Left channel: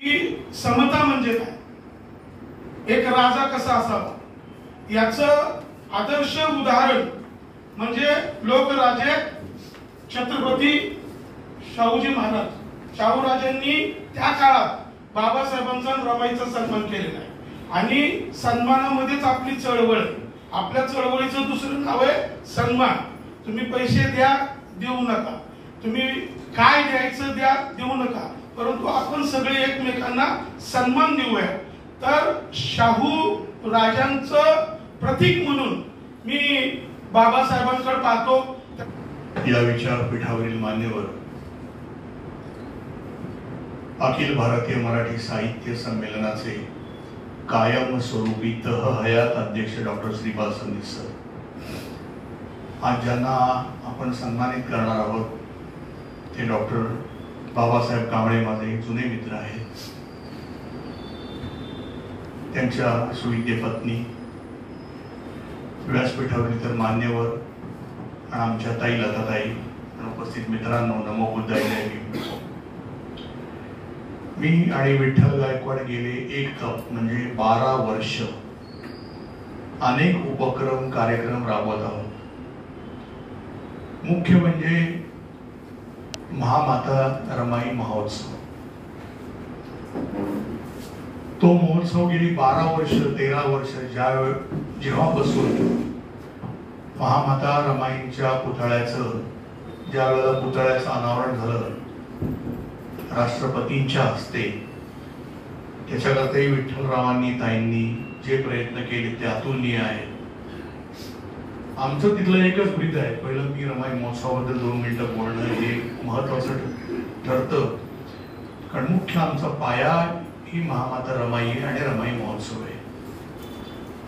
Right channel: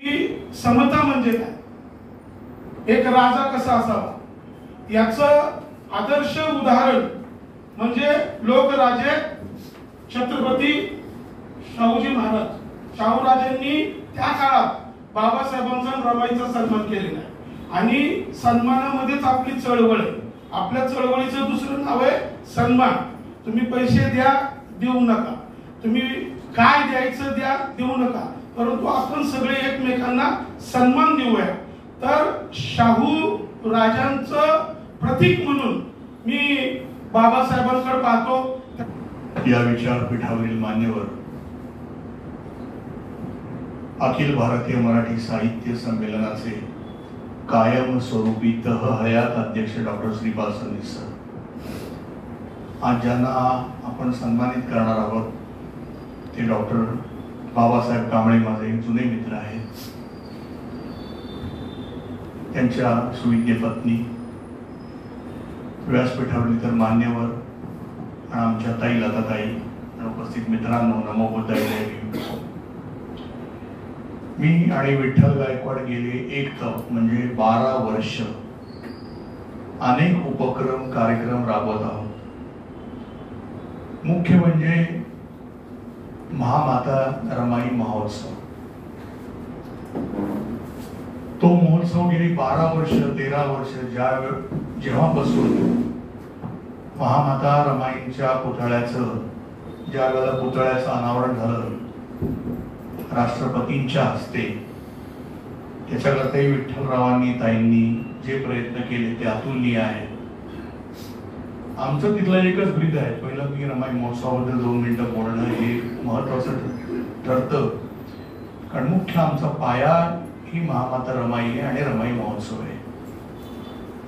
की समता म्हणजे काय, एक राजा कसा असावा याचं आदर्श उदाहरण म्हणजे लोकराजे छत्रपती शाहूजी महाराज. शाहूराजांनी त्या काळात बाबासाहेबांचा आणि रमाईचा सन्मान केलेला आहे आणि सन्मानामध्येच आपली चळवळ. आपल्या चळवळीचं दुसरं नाव आहे सन्मान. तुम्ही पैसे द्या देऊ नका, तुम्ही काय द्यायचं द्या देऊ नका, परंतु आपण सगळे एकमेकांना सन्मान देऊया. तर शाहू राजांचं प्रतीक म्हणून मी बाबासाहेबांकडे पाहतो. या विचारपीठावरील मान्यवर, अखिल भारतीय मराठी साहित्य संमेलनाचे कायम स्वरूपी तह हयात अध्यक्ष डॉक्टर श्रीपाद संदीप सर, आज ज्यांना आपण सन्मानित करणार आहोत ते डॉक्टर बाबासाहेब कांबळे माझे जुने मित्र आहेत. त्यांच्या सुविद्य पत्नी, व्यासपीठावरील इतर मान्यवर आणि आमच्या ताई लताताई आणि उपस्थित मित्रांनो, नमो बुद्धाय. मी आणि विठ्ठल गायकवाड गेले एक तप म्हणजे 12 वर्ष अनेक उपक्रम कार्यक्रम राबवत आहोत. मुख्य म्हणजे महामाता रमाई महोत्सव. तो महोत्सव गेली 12 वर्ष 13 वर्ष जेव्हापासून महामाता रमाईंच्या पुतळ्याचं ज्या वेळेला पुतळ्याचं अनावरण झालं राष्ट्रपतींच्या हस्ते, त्याच्याकरताही विठ्ठलरावांनी ताईंनी जे प्रयत्न केले ते अतुलनीय आहेत. आमचं तिथलं एकच ब्रीद आहे, पहिलं की रमाई महोत्सवाबद्दल 2 मिनिटं बोलणं हे महत्वाचं ठरतं, कारण मुख्य आमचा पाया ही महामाता रमाई आहे आणि रमाई महोत्सव आहे.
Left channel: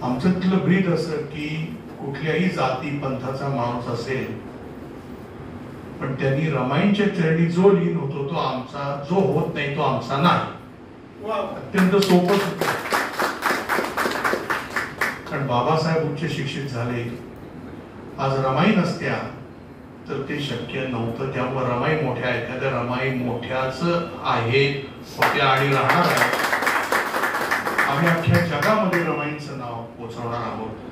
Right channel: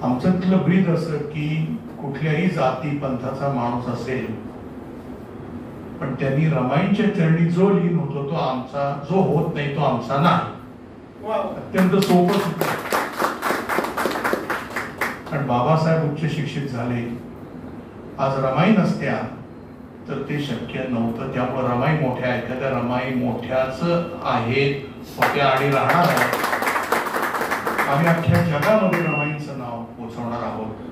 आमचं तिथलं ब्रीद असं की कुठल्याही जाती पंथाचा माणूस असेल पण त्यांनी रमाईंच्या चरणी जो लीन होतो तो आमचा, जो होत नाही तो आमचा नाही. अत्यंत सोपं होतं, कारण बाबासाहेब उच्च शिक्षित झाले. आज रमाई नसत्या तर ते शक्य नव्हतं. त्यामुळे रमाई मोठ्या आहेत, त्या रमाई मोठ्याच आहेत होत्या आणि राहणार आहेत. आम्ही अख्ख्या जगामध्ये रमाईंचं नाव पोचवणार आहोत.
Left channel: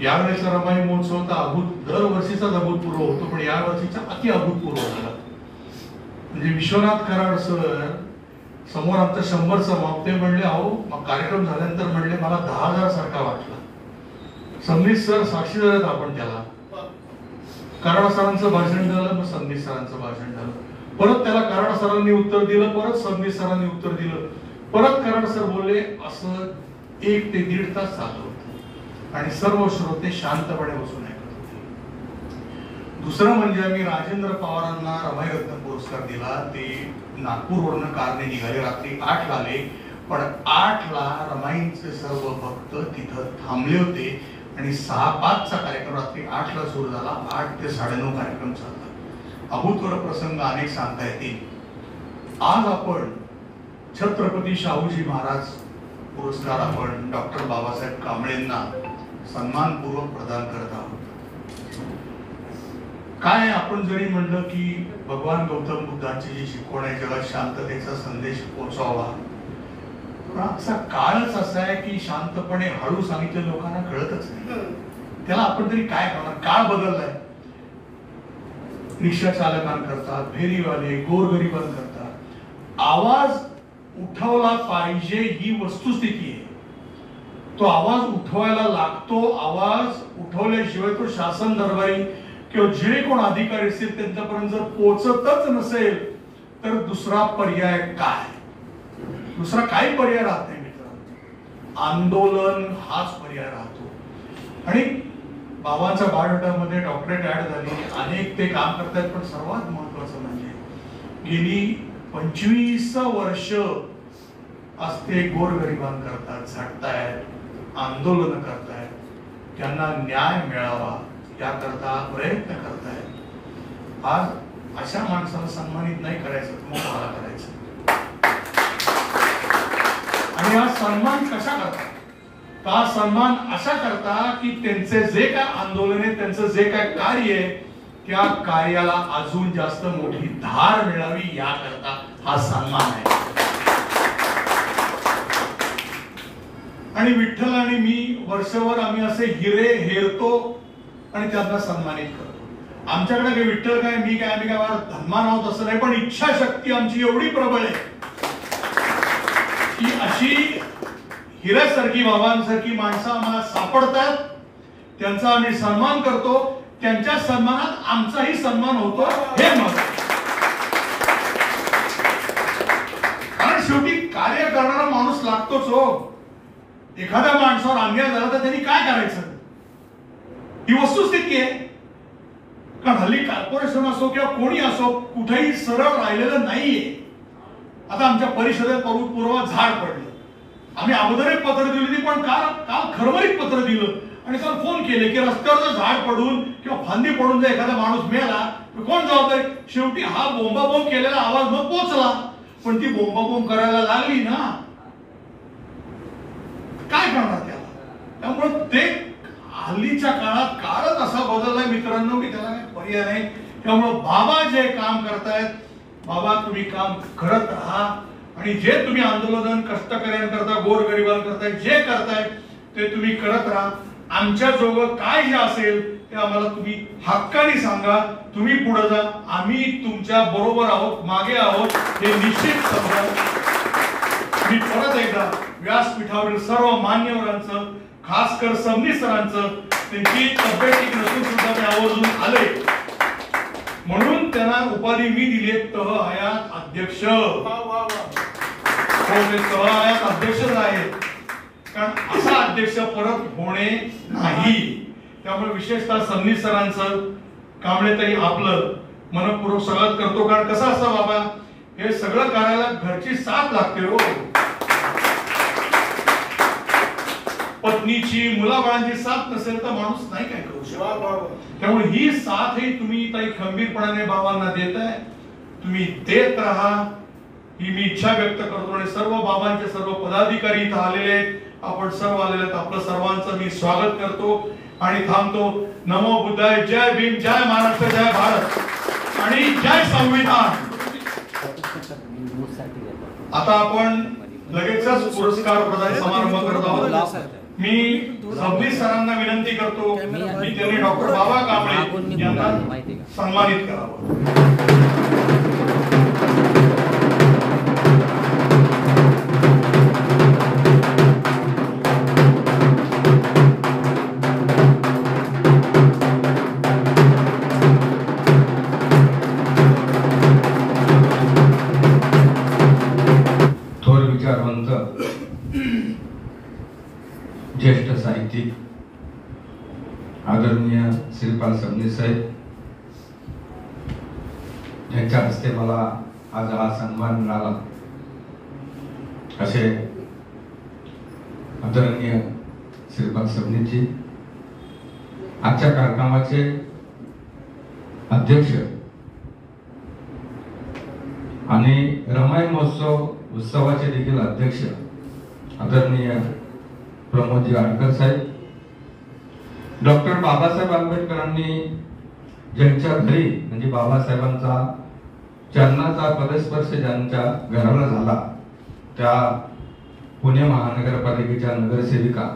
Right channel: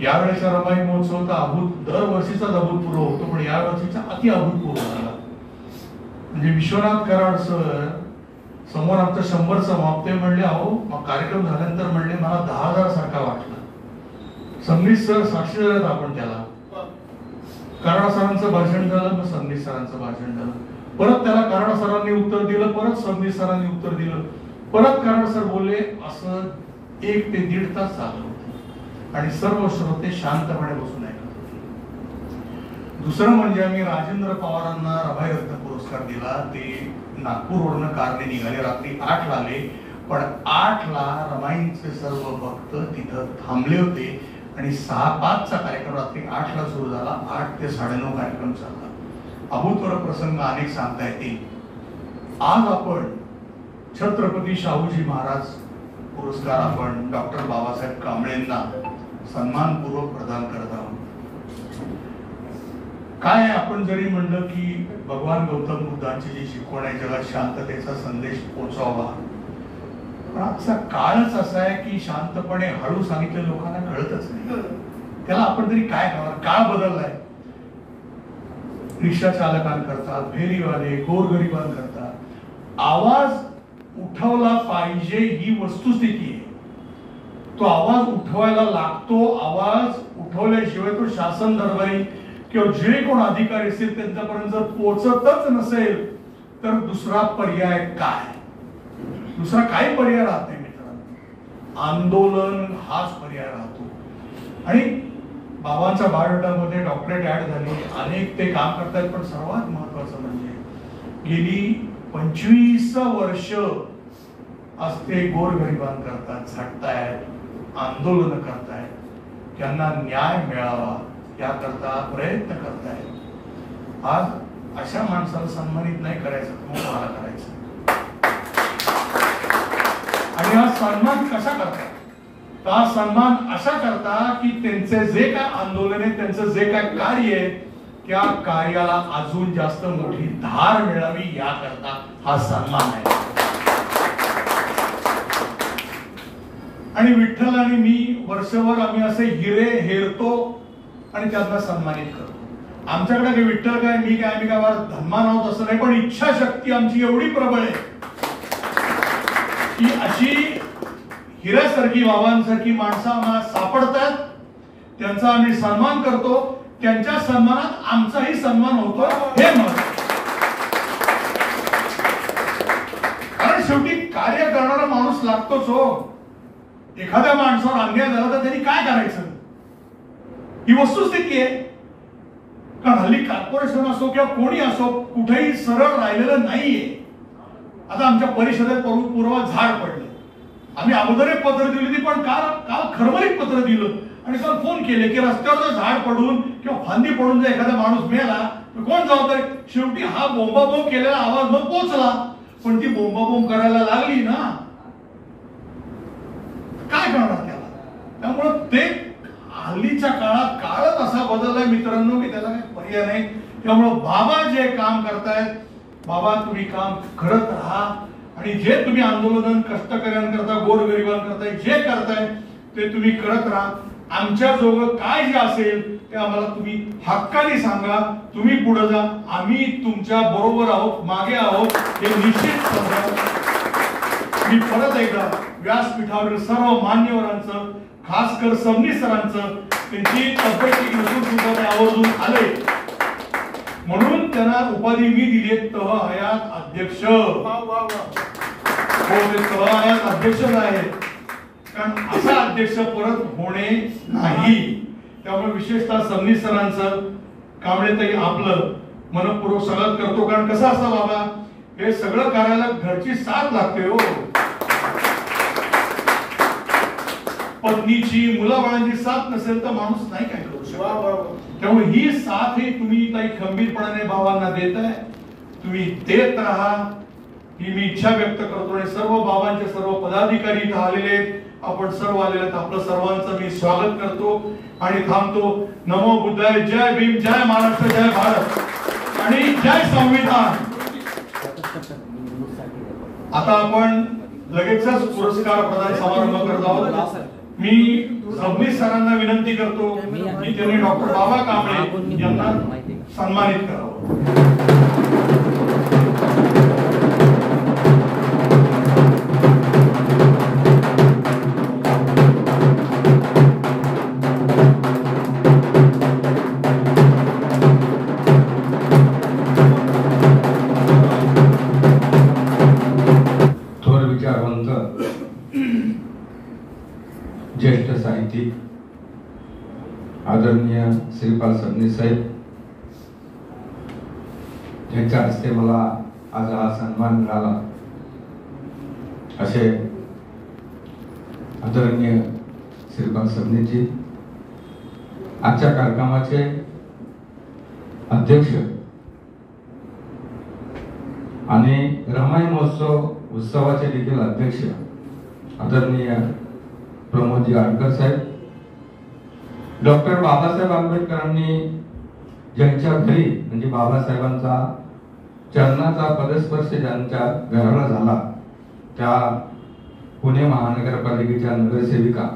यावेळेचा रमाई महोत्सव तर दरवर्षीचाच अभूतपूर्व होतो, पण या वर्षीचा अति अभूतपूर्व झाला. म्हणजे विश्वनाथ कराड सर समोर आमचं 100 समाप्ते म्हणले, अहो मग कार्यक्रम झाल्यानंतर म्हणले मला 10,000 सारखा वाटला. संदीप सर साक्षी झालं आपण त्याला. कराड सरांचं भाषण झालं, मग संदीप सरांचं भाषण झालं, परत त्याला कराड सरांनी उत्तर दिलं, परत संदीप सरांनी उत्तर दिलं, परत कराड सर बोलले. असं 1 ते 1.5 तास चाललं होतं आणि सर्व श्रोते शांतपणे बसून ऐकत होते. दुसरं म्हणजे आम्ही राजेंद्र पवारांना रमाई रत्न पुरस्कार दिला. ते नागपूरवरून कारने निघाले, रात्री 8 ला आले, पण 8 ला रमाईंचे सर्व भक्त तिथं थांबले होते आणि 6-5चा कार्यक्रम रात्री 8 ला सुरू झाला. 8 ते 9:30 कार्यक्रम चालला. अभूतपूर्व प्रसंग अनेक सांगता येतील. आज आपण छत्रपती शाहूजी महाराज पुरस्कार आपण डॉक्टर बाबासाहेब कांबळेंना सन्मानपूर्वक प्रदान करत आहोत. काय आपण जरी म्हणलं की भगवान गौतम बुद्धांची जी शिकवण आहे जगात शांततेचा संदेश पोहोचवावा, पण आजचा काळच असा आहे की शांतपणे हळू सांगितलं लोकांना कळतच नाही. त्याला आपण तरी काय करणार? काळ बदललाय. रिक्षा चालकांकरता, फेरीवाले, गोरगरिबांकरता आवाज उठवला पाहिजे ही वस्तुस्थिती आहे. तो आवाज उठवायला लागतो. आवाज उठवल्याशिवाय तो शासन दरबारी किंवा जे कोण अधिकारी असतील त्यांच्यापर्यंत जर पोहोचतच नसेल तर दुसरा पर्याय काय? दुसरा काही पर्याय राहत नाही मित्रांनो. आंदोलन हाच पर्याय राहतो. आणि बाबांच्या बायोडाटामध्ये डॉक्टरेट ऍड झाली, अनेक ते काम करतायत, पण सर्वात महत्वाचं म्हणजे गेली 25 वर्ष आज ते गोरगरिबांकरता झटतायत, आंदोलन करतायत, त्यांना न्याय मिळावा याकरता प्रयत्न करतायत. आज अशा माणसाला सन्मानित नाही करायचं, मग मला करायचं. आणि हा सन्मान कसा करतात? हा सन्मान असा करता की त्यांचे जे काय आंदोलन आहे, त्यांचं जे काय कार्य आहे, त्या कार्याला अजून जास्त मोठी धार मिळावी याकरता हा सन्मान आहे. आणि विठ्ठल आणि मी वर्षभर आम्ही असे हिरे हेरतो आणि त्यांना सन्मानित करतो. आमच्याकडे काही विठ्ठल काय मी काय आम्ही काय धन्मान आहोत असं नाही, पण इच्छाशक्ती आमची एवढी प्रबळ आहे की अशी हिऱ्यासारखी बाबांसारखी माणसं आम्हाला सापडतात, त्यांचा आम्ही सन्मान करतो, त्यांच्या सन्मानात आमचाही सन्मान होतो हे महत्त्वाचं. कारण शेवटी कार्य करणारा माणूस लागतोच हो. एखाद्या माणसावर अन्याय झाला तर त्यांनी काय करायचं ही वस्तुस्थिती आहे. कारण हल्ली कॉर्पोरेशन असो किंवा कोणी असो कुठेही सरळ राहिलेलं नाहीये. आता आमच्या परिषदेत पूर्व झाड पडले, आम्ही अगोदर एक पत्र दिली होती, पण काल खरमरीत पत्र दिलं आणि काल फोन केले की रस्त्यावर जर झाड पडून किंवा फांदी पडून जर एखादा माणूस मेला तर कोण जबाबदार. शेवटी हा बोंबाबोंब केलेला आवाज मग पोचला, पण ती बोंबाबोंब करायला लागली ना, काय करणार त्याला. त्यामुळे ते हल्लीच्या काळात काळच असा बदललाय मित्रांनो की त्याला काही पर्याय नाही. त्यामुळे बाबा जे काम करतायत, बाबा तुम्ही काम करत राहा आणि जे तुम्ही आंदोलन कष्टकऱ्यांकरता गोरगरिबांकरता जे करताय ते तुम्ही करत राहा. आमच्या जोगं काय जे असेल ते आम्हाला तुम्ही हक्काने सांगा. तुम्ही पुढे जा, आम्ही तुमच्या बरोबर आहोत, मागे आहोत हे निश्चित समजा. मी परत एकदा व्यासपीठावरील सर्व मान्यवरांचं, खास कर सबनीस सरांचं, त्यांची तब्येत ठीक नसून सुद्धा ते आवर्जून आले म्हणून त्यांना उपाधी मी दिली तह हयात अध्यक्ष. तह हयात अध्यक्षच आहेत, कारण असा अध्यक्ष परत होणे नाही. त्यामुळे विशेषतः सबनीस सरांचं, कांबळेताई आपलं मनपूर्वक स्वागत करतो. कारण कसं असतं बाबा, हे सगळं करायला घरची साथ लागते हो. पत्नीची, मुलाबाळांची साथ नसेल तर माणूस नाही काय करू शकत. त्यामुळे ही साथ ही तुम्ही काही खंबीरपणाने बाबांना देताय, तुम्ही देत राहा ही मी इच्छा व्यक्त करतो. आणि सर्व बाबांचे सर्व पदाधिकारी इथं आलेले आहेत, आपण सर्व आलेले आहेत, आपलं सर्वांचं मी स्वागत करतो आणि थांबतो. नमो बुद्धाय. जय भीम, जय महाराष्ट्र, जय भारत आणि जय संविधान. आता आपण लगेचच पुरस्कार प्रदान समारंभ करत आहोत. मी सबनीस सरांना विनंती करतो की त्यांनी डॉक्टर बाबा कांबळे यांना सन्मानित करावं. ज्येष्ठ साहित्यिक आदरणीय श्रीपाल सबनीस साहेब, ज्यांच्या हस्ते मला आज हा सन्मान मिळाला, असे आदरणीय श्रीपाल सबनीसजी, आजच्या कार्यक्रमाचे अध्यक्ष आणि रमाई महोत्सव उत्सवाचे देखील अध्यक्ष आदरणीय प्रमोदजी आडकर साहेब, डॉक्टर बाबासाहेब आंबेडकरांनी ज्यांच्या घरी म्हणजे बाबासाहेबांचा चरणाचा पदस्पर्श ज्यांच्या घराला झाला त्या पुणे महानगरपालिकेच्या नगरसेविका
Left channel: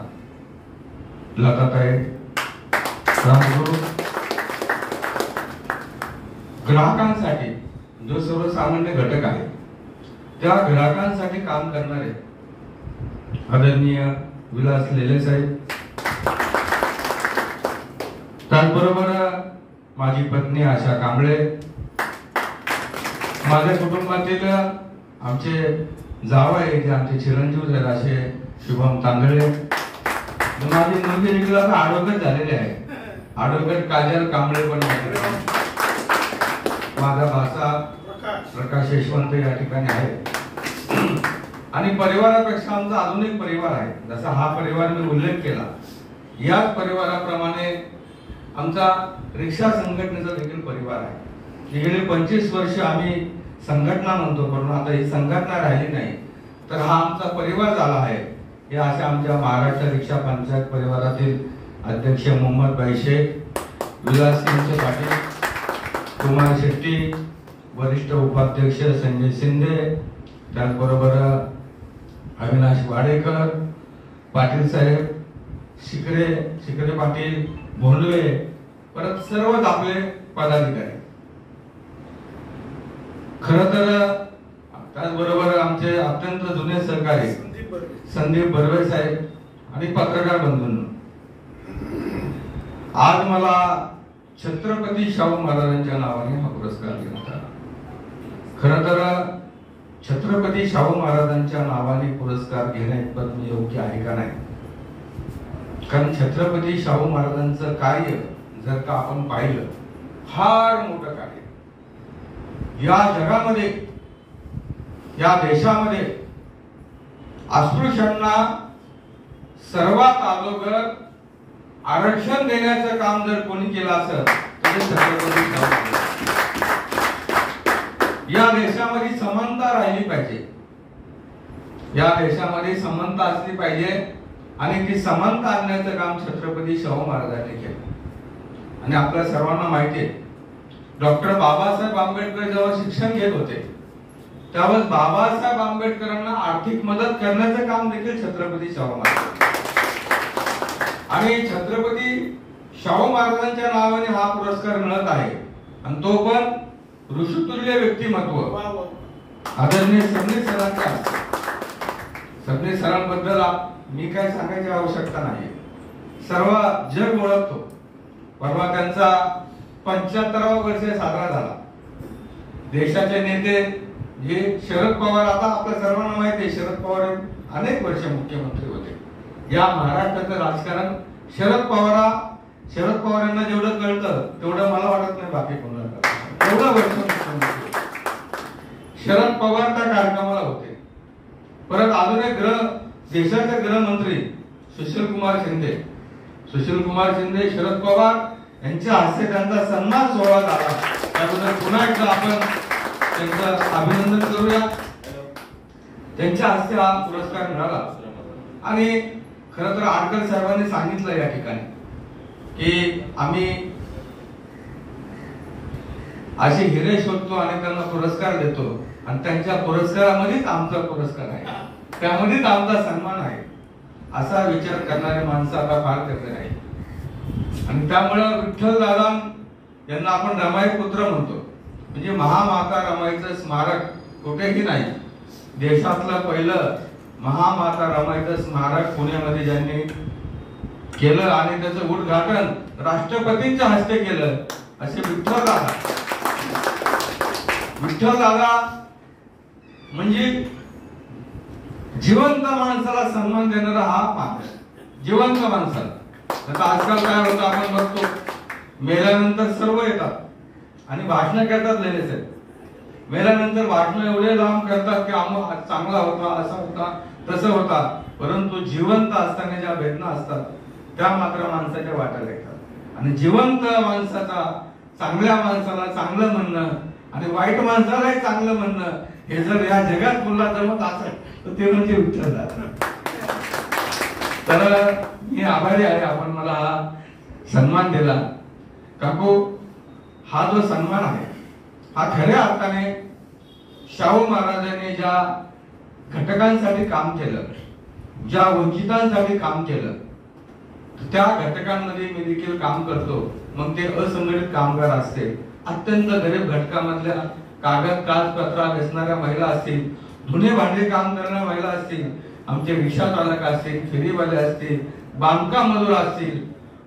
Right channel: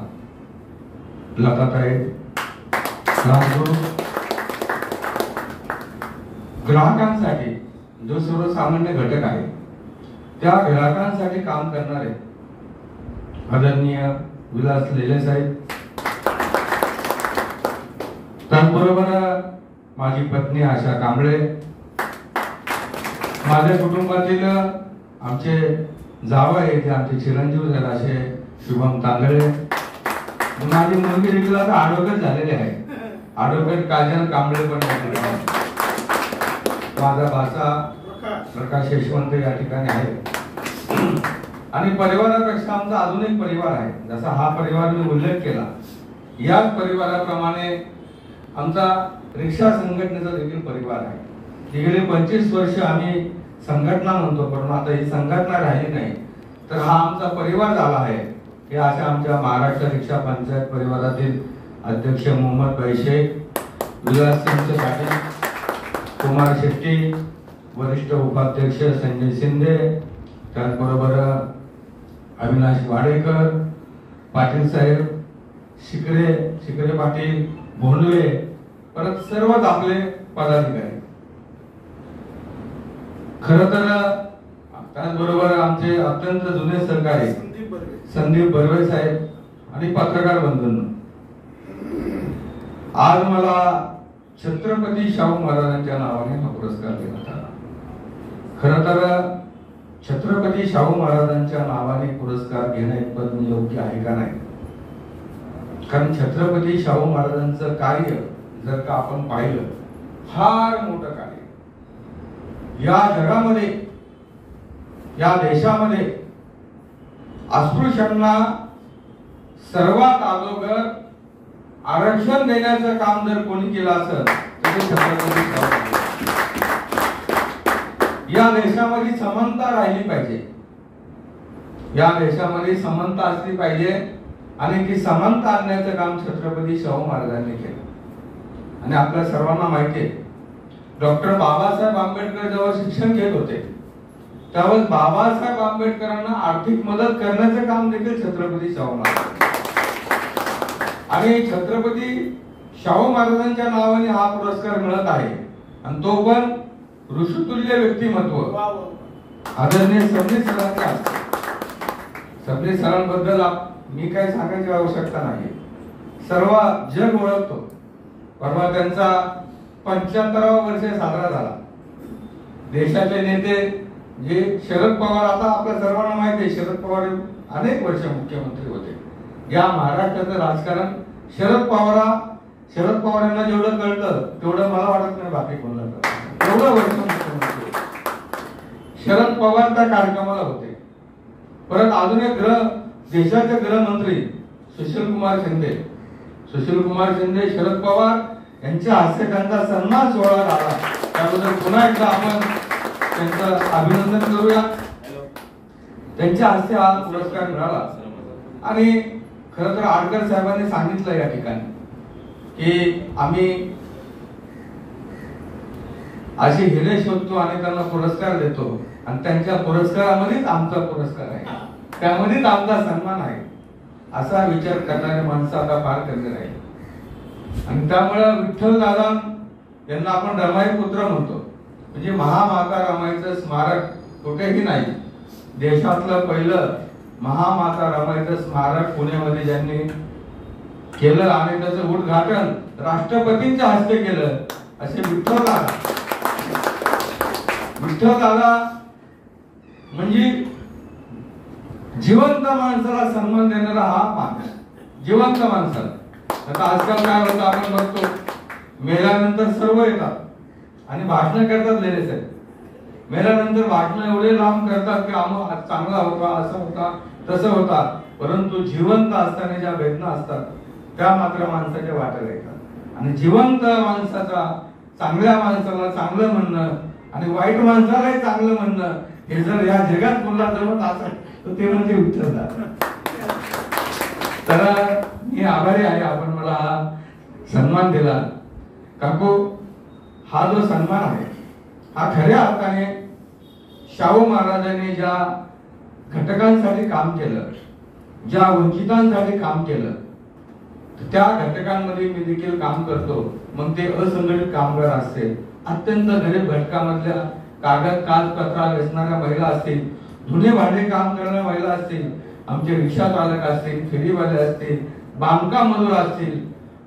लताताई राजगुरू, ग्राहकांसाठी जो सर्वसामान्य घटक आहे त्या ग्राहकांसाठी काम करणारे आदरणीय विलास लेले साहेब, त्याचबरोबर माझी पत्नी आशा कांबळे, माझ्या कुटुंबातील आमचे जावई जे आमचे चिरंजीव झाले असे शुभम तांदळे, माझी मुलगी देखील आता ॲडव्होकेट झालेले आहे, ॲडव्होकेट काजल कांबळे पण माझा भाचा प्रकाश यशवंत या ठिकाणी आहे. आणि परिवारापेक्षा आमचा अजून एक परिवार आहे, जसा हा परिवार मी उल्लेख केला, याच परिवाराप्रमाणे आमचा रिक्षा संघटनेचा देखील परिवार आहे. गेली 25 वर्ष आम्ही संघटना म्हणतो, पण आता ही संघटना राहिली नाही, तर हा आमचा परिवार झाला आहे. हे अशा आमच्या महाराष्ट्र रिक्षा पंचायत परिवारातील अध्यक्ष मोहम्मद भाई शेख, विलास सिंह पाटील, कुमार शेट्टी, वरिष्ठ उपाध्यक्ष संजय शिंदे, त्याचबरोबर अविनाश वाडेकर, पाटील साहेब, शिकरे पाटील, भोंडवे, परत सर्वच आपले पदाधिकारी. खर तर त्याचबरोबर आमचे अत्यंत जुने सहकारी संदीप बर्वे साहेब आणि पत्रकार बंधूंनो, आज मला छत्रपती शाहू महाराजांच्या नावाने हा पुरस्कार देण्यात आला. खर तर छत्रपती शाहू महाराजांच्या नावाने पुरस्कार घेणे पण योग्य आहे का नाही? कारण छत्रपती शाहू महाराजांचं कार्य जर का आपण पाहिलं, फार मोठं कार्य या जगामध्ये, या देशामध्ये अस्पृश्यांना सर्वात अगोदर आरक्षण देण्याचं काम जर कोणी केलं असेल तर ते छत्रपती शाहू. या देशामध्ये समानता राहिली पाहिजे, या देशामध्ये समानता असली पाहिजे आणि ती समानता आणण्याचं काम छत्रपती शाहू महाराजांनी केलं. आणि आपल्या सर्वांना माहिती आहे, डॉक्टर बाबासाहेब आंबेडकर जेव्हा शिक्षण घेत होते त्यावेळेस बाबासाहेब आंबेडकरांना आर्थिक मदत करण्याचं काम देखील छत्रपती शाहू महाराज. आणि छत्रपती शाहू महाराजांच्या नावाने हा पुरस्कार मिळत आहे आणि तो पण ऋषितुल्य व्यक्तिमत्व आदरणीय सबनीस सरांच्या हस्ते. सबनीस सरांबद्दल मी काय सांगायची आवश्यकता नाही, सर्व जग ओळखतो. परवा त्यांचा 75वा वर्ष साजरा झाला. देशाचे नेते जे शरद पवार, आता आपल्या सर्वांना माहिती आहे शरद पवार अनेक वर्ष मुख्यमंत्री होते. या महाराष्ट्राचं राजकारण शरद पवारांना जेवढं कळतं तेवढं मला वाटत नाही बाकी कोणाला कळतं. एवढं वर्ष मुख्यमंत्री शरद पवार त्या कार्यक्रमाला होते. परत अजून एक देशाचे गृहमंत्री सुशील कुमार शिंदे शरद पवार यांच्या हस्ते त्यांचा सन्मान सोहळा झाला. त्याबद्दल पुन्हा एकदा आपण त्यांचं अभिनंदन करूया. त्यांच्या हस्ते हा पुरस्कार मिळाला. आणि खरं तर आडकर साहेबांनी सांगितलं या ठिकाणी की आम्ही अशी हिरे शोधतो आणि त्यांना पुरस्कार देतो आणि त्यांच्या पुरस्कारामध्येच आमचा पुरस्कार आहे, त्यामध्येच आमचा सन्मान आहे, असा विचार करणारे माणसं आता फार कमी नाही. आणि त्यामुळे विठ्ठल दादा यांना आपण रमाई पुत्र म्हणतो. म्हणजे महामाता रमाईचं स्मारक कुठेही नाही. देशातलं पहिलं महामाता रमाईचं स्मारक पुण्यामध्ये ज्यांनी केलं आणि त्याचं उद्घाटन राष्ट्रपतींच्या हस्ते केलं असे विठ्ठल दादा म्हणजे जिवंत माणसाला सन्मान देणारा हा माणूस. जिवंत माणसाला. आता आजकाल काय होतं आपण बघतो, मेल्यानंतर सर्व येतात आणि भाषण करतात लगेच. मेल्यानंतर भाषण एवढे लांब करतात की आम्हाला चांगला होता, असा होता, तसं होता. परंतु जिवंत असताना ज्या वेदना असतात त्या मात्र माणसाच्या वाट्याला येतात. आणि जिवंत माणसाचा, चांगल्या माणसाला चांगलं म्हणणं आणि वाईट माणसालाही चांगलं म्हणणं हे जर या जगात पुन्हा जमत असेल तर ते म्हणजे विठ्ठल दादा. तर मी आभारी आहे आपण मला हा सन्मान दिला. काकू, हा जो सन्मान आहे हा खऱ्या अर्थाने शाहू महाराजांनी ज्या घटकांसाठी काम केलं, ज्या वंचितांसाठी काम केलं, त्या घटकांमध्ये मी देखील काम करतो. मग ते असंघटित कामगार असतील, अत्यंत गरीब घटकामधल्या कागदपत्रा वेचणाऱ्या महिला असतील, धुणे भांडे काम करणाऱ्या महिला असतील, आमचे रिक्षा चालक असतील, फेरीवाले असतील, बांधकाम मजूर असतील,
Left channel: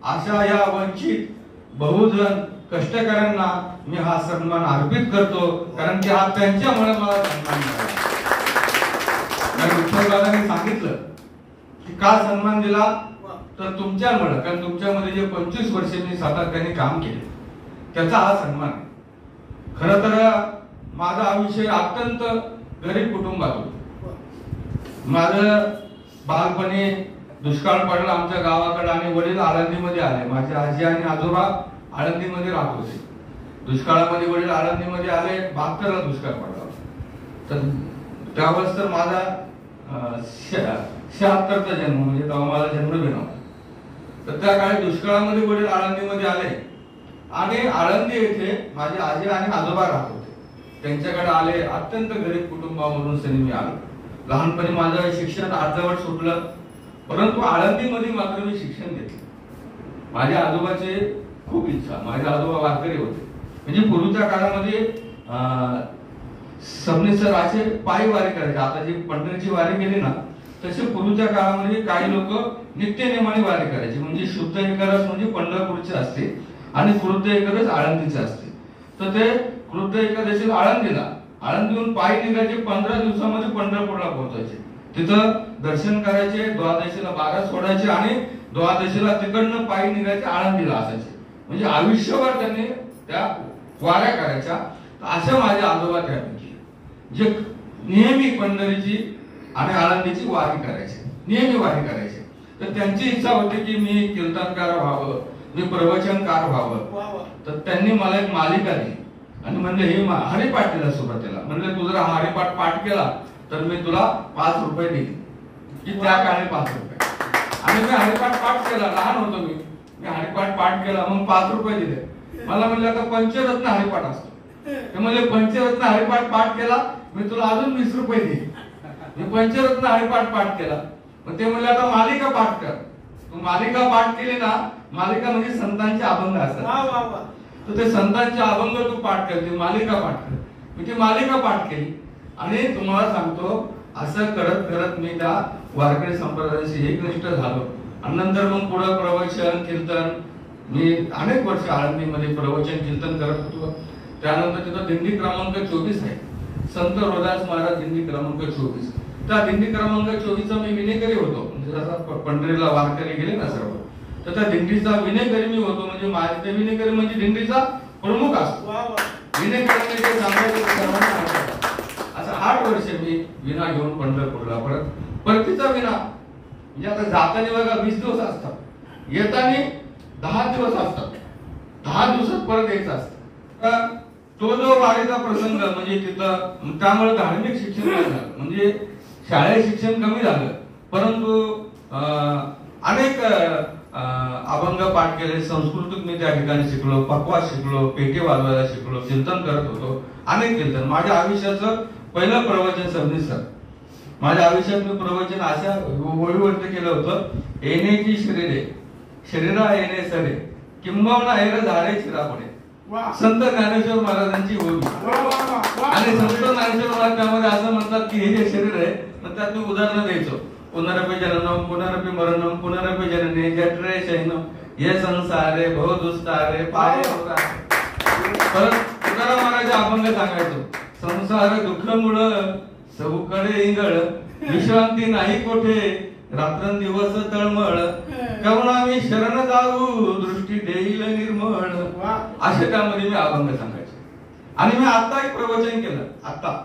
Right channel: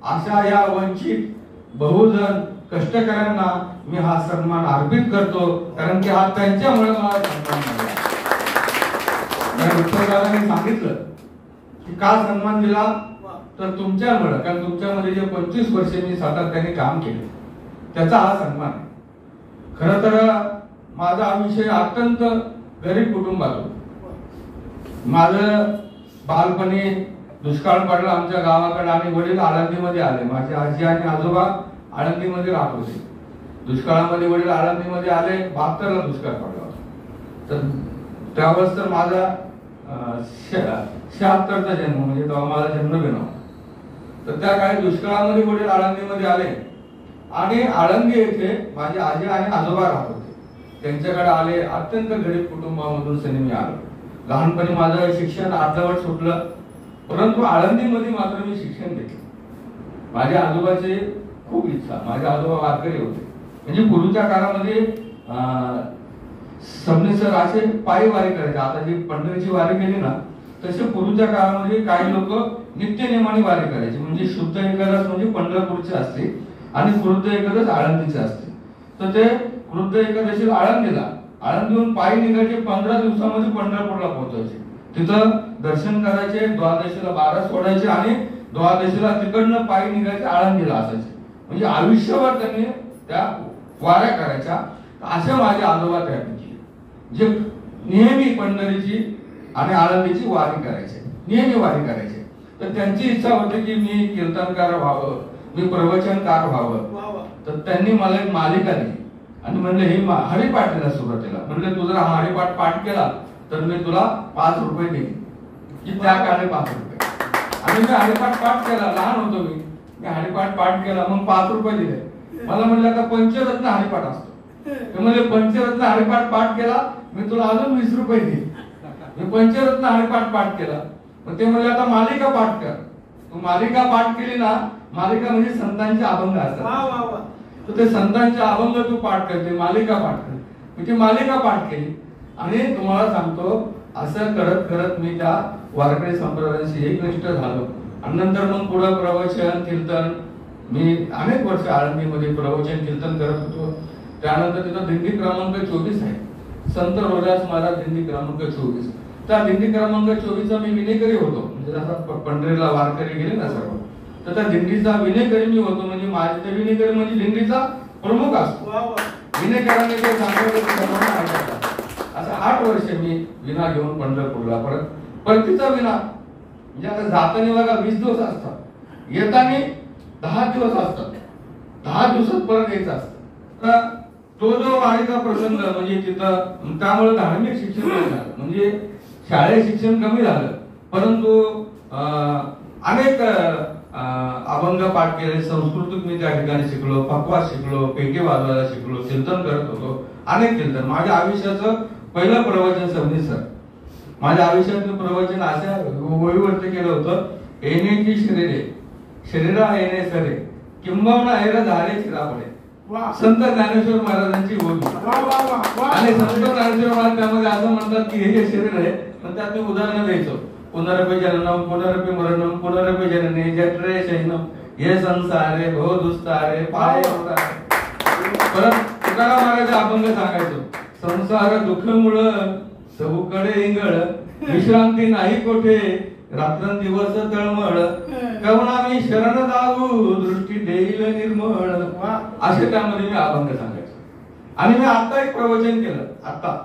अशा या वंचित बहुजन कष्टकऱ्यांना मी हा सन्मान अर्पित करतो. कारण की हा त्यांच्यामुळे मला सन्मान मिळाला. विठ्ठल दादांनी सांगितलं की का सन्मान दिला, तर तुमच्यामुळे, कारण तुमच्यामध्ये जे 25 वर्ष मी सातत्याने काम केले त्याचा हा सन्मान. खरं तर माझं आयुष्य अत्यंत गरीब कुटुंबातून. माझं बालपणी दुष्काळ पडला आमच्या गावाकडे आणि वडील आळंदीमध्ये आले. माझे आजी आणि आजोबा आळंदीमध्ये राहत होते. दुष्काळामध्ये वडील आळंदीमध्ये आले. 72ला दुष्काळ पडला. तर त्यावेळेस तर माझा 76चा जन्म, म्हणजे तेव्हा माझा जन्म झाला. तर त्या काळी दुष्काळामध्ये वडील आळंदीमध्ये आले आणि आळंदी येथे माझे आजी आणि आजोबा राहत होते. त्यांच्याकडे आले. अत्यंत गरीब कुटुंबामधून मी आलो. लहानपणी माझं शिक्षण अर्धवट सुटलं. परंतु आळंदीमध्ये मात्र मी शिक्षण घेतलं. माझ्या आजोबाची खूप इच्छा, माझे आजोबा वारकरी होते. म्हणजे पूर्वीच्या काळामध्ये सबनेसर असे पायी वारी करायचे. आता जी पंढरीची वारी केली ना, तसे पूर्वीच्या काळामध्ये काही लोक नित्यनेमाने वारी करायची. म्हणजे शुद्ध एकादश म्हणजे पंढरपूरचे असते आणि कृद्ध एकादश आळंदीचे असते. तर ते कृद्ध एकादशीला आळंदीहून पायी निघायचे, 15 दिवसामध्ये पंढरपूरला पोहोचायचे. तिथं दर्शन करायचे, द्वादशीला बारा सोडायचे आणि द्वादशीला तिकडनं पायी निघायचे, आळंदीला असायचे. म्हणजे आयुष्यभर त्यांनी त्या वाऱ्या करायच्या. अशा माझे आजोबा त्यापैकी जे नेहमी पंढरीची आणि आळंदीची वारी करायचे, नेहमी वारी करायचे. तर त्यांची इच्छा होती की मी कीर्तनकार व्हावं, मी प्रवचनकार व्हावं. तर त्यांनी मला एक मालिका दिली आणि म्हणले हे हरिपाठ दिला सुरुवातीला. म्हणले तू जर हरिपाठ पाठ केला तर मी तुला 5 रुपये देईन. की त्या काळी 5 रुपये. आणि मी हरिपाठ पाठ केला, लहान होतो मी हरिपाठ पाठ केला, मग 5 रुपये दिले. मला म्हणले आता पंचरत्न हरिपाठ असतो. ते म्हणले पंचरत्न हरिपाठ पाठ केला मी तुला अजून 20 रुपये देईन. मी पंचरत्न हरिपाठ पाठ केला. मग ते म्हणले आता मालिका पाठ कर. तू मालिका पाठ केली ना, मालिका म्हणजे संतांचे अभंग असतात. तर ते संतांचे अभंग तू पाठ कर, ते मालिका पाठ कर. मी ती मालिका पाठ केली आणि तुम्हाला सांगतो असं करत करत मी त्या वारकरी संप्रदायाशी एकनिष्ठ झालो. आणि नंतर मग पुढे प्रवचन कीर्तन, मी अनेक वर्ष आळंदीमध्ये प्रवचन कीर्तन करत होतो. त्यानंतर तिथं दिंडी क्रमांक 24 आहे, संत रोदास महाराज दिंडी क्रमांक 24. त्या दिंडी क्रमांक 24चा मी विनेकरी होतो. म्हणजे जसा पंढरीला वारकरी गेले ना सर्व, तर त्या दिंडीचा विनेकरी मी होतो. म्हणजे माझे विनेकरी म्हणजे दिंडीचा प्रमुख असतो. विनेकरांनी ते सांगितलं. असं 8 वर्ष मी विना घेऊन पंढरपूरला परतीचा विना. म्हणजे आता जाताना बघा 20 दिवस असतात, येताना 10 दिवस असतात. 10 दिवसात परत यायचं असतं. तो जो वारीचा प्रसंग म्हणजे तिथं, त्यामुळे धार्मिक शिक्षण झालं. म्हणजे शाळेत शिक्षण कमी झालं, परंतु अनेक अभंग पाठ केले. संस्कृतिक मी त्या ठिकाणी शिकलो, पकवास शिकलो, पेटी वाजवायला शिकलो, कीर्तन करत होतो. अनेक कीर्तन. माझ्या आयुष्याचं पहिलं प्रवचन सबनीसर. माझ्या आयुष्यात मी प्रवचन अशा ओळीवरती केलं होतं. येण्याची शरीरा येणे सरे किंबहुना हेर झाडे चिरापडे. संत ज्ञानेश्वर महाराजांची ओळी. आणि संत ज्ञानेश्वर महाराज त्यामध्ये असं म्हणतात की हे जे शरीर आहे, तर त्यात मी उदाहरण द्यायचो. पुनरपि जननम पुनरपि मरणम पुनरपि जननी जठरे शयनम हे संसारे भव दुस्तारे पाय. परत तुकाराम महाराज अभंग सांगायचो. संसार दुःख मुळ चौकडे इंगळ विश्रांती नाही कोठे रात्रंदिवस तळमळ कवना मी शरण जाऊ दृष्टी देईल निर्मळ. असे त्यामध्ये मी अभंग सांगायचो. आणि मी आता एक प्रवचन केलं, आता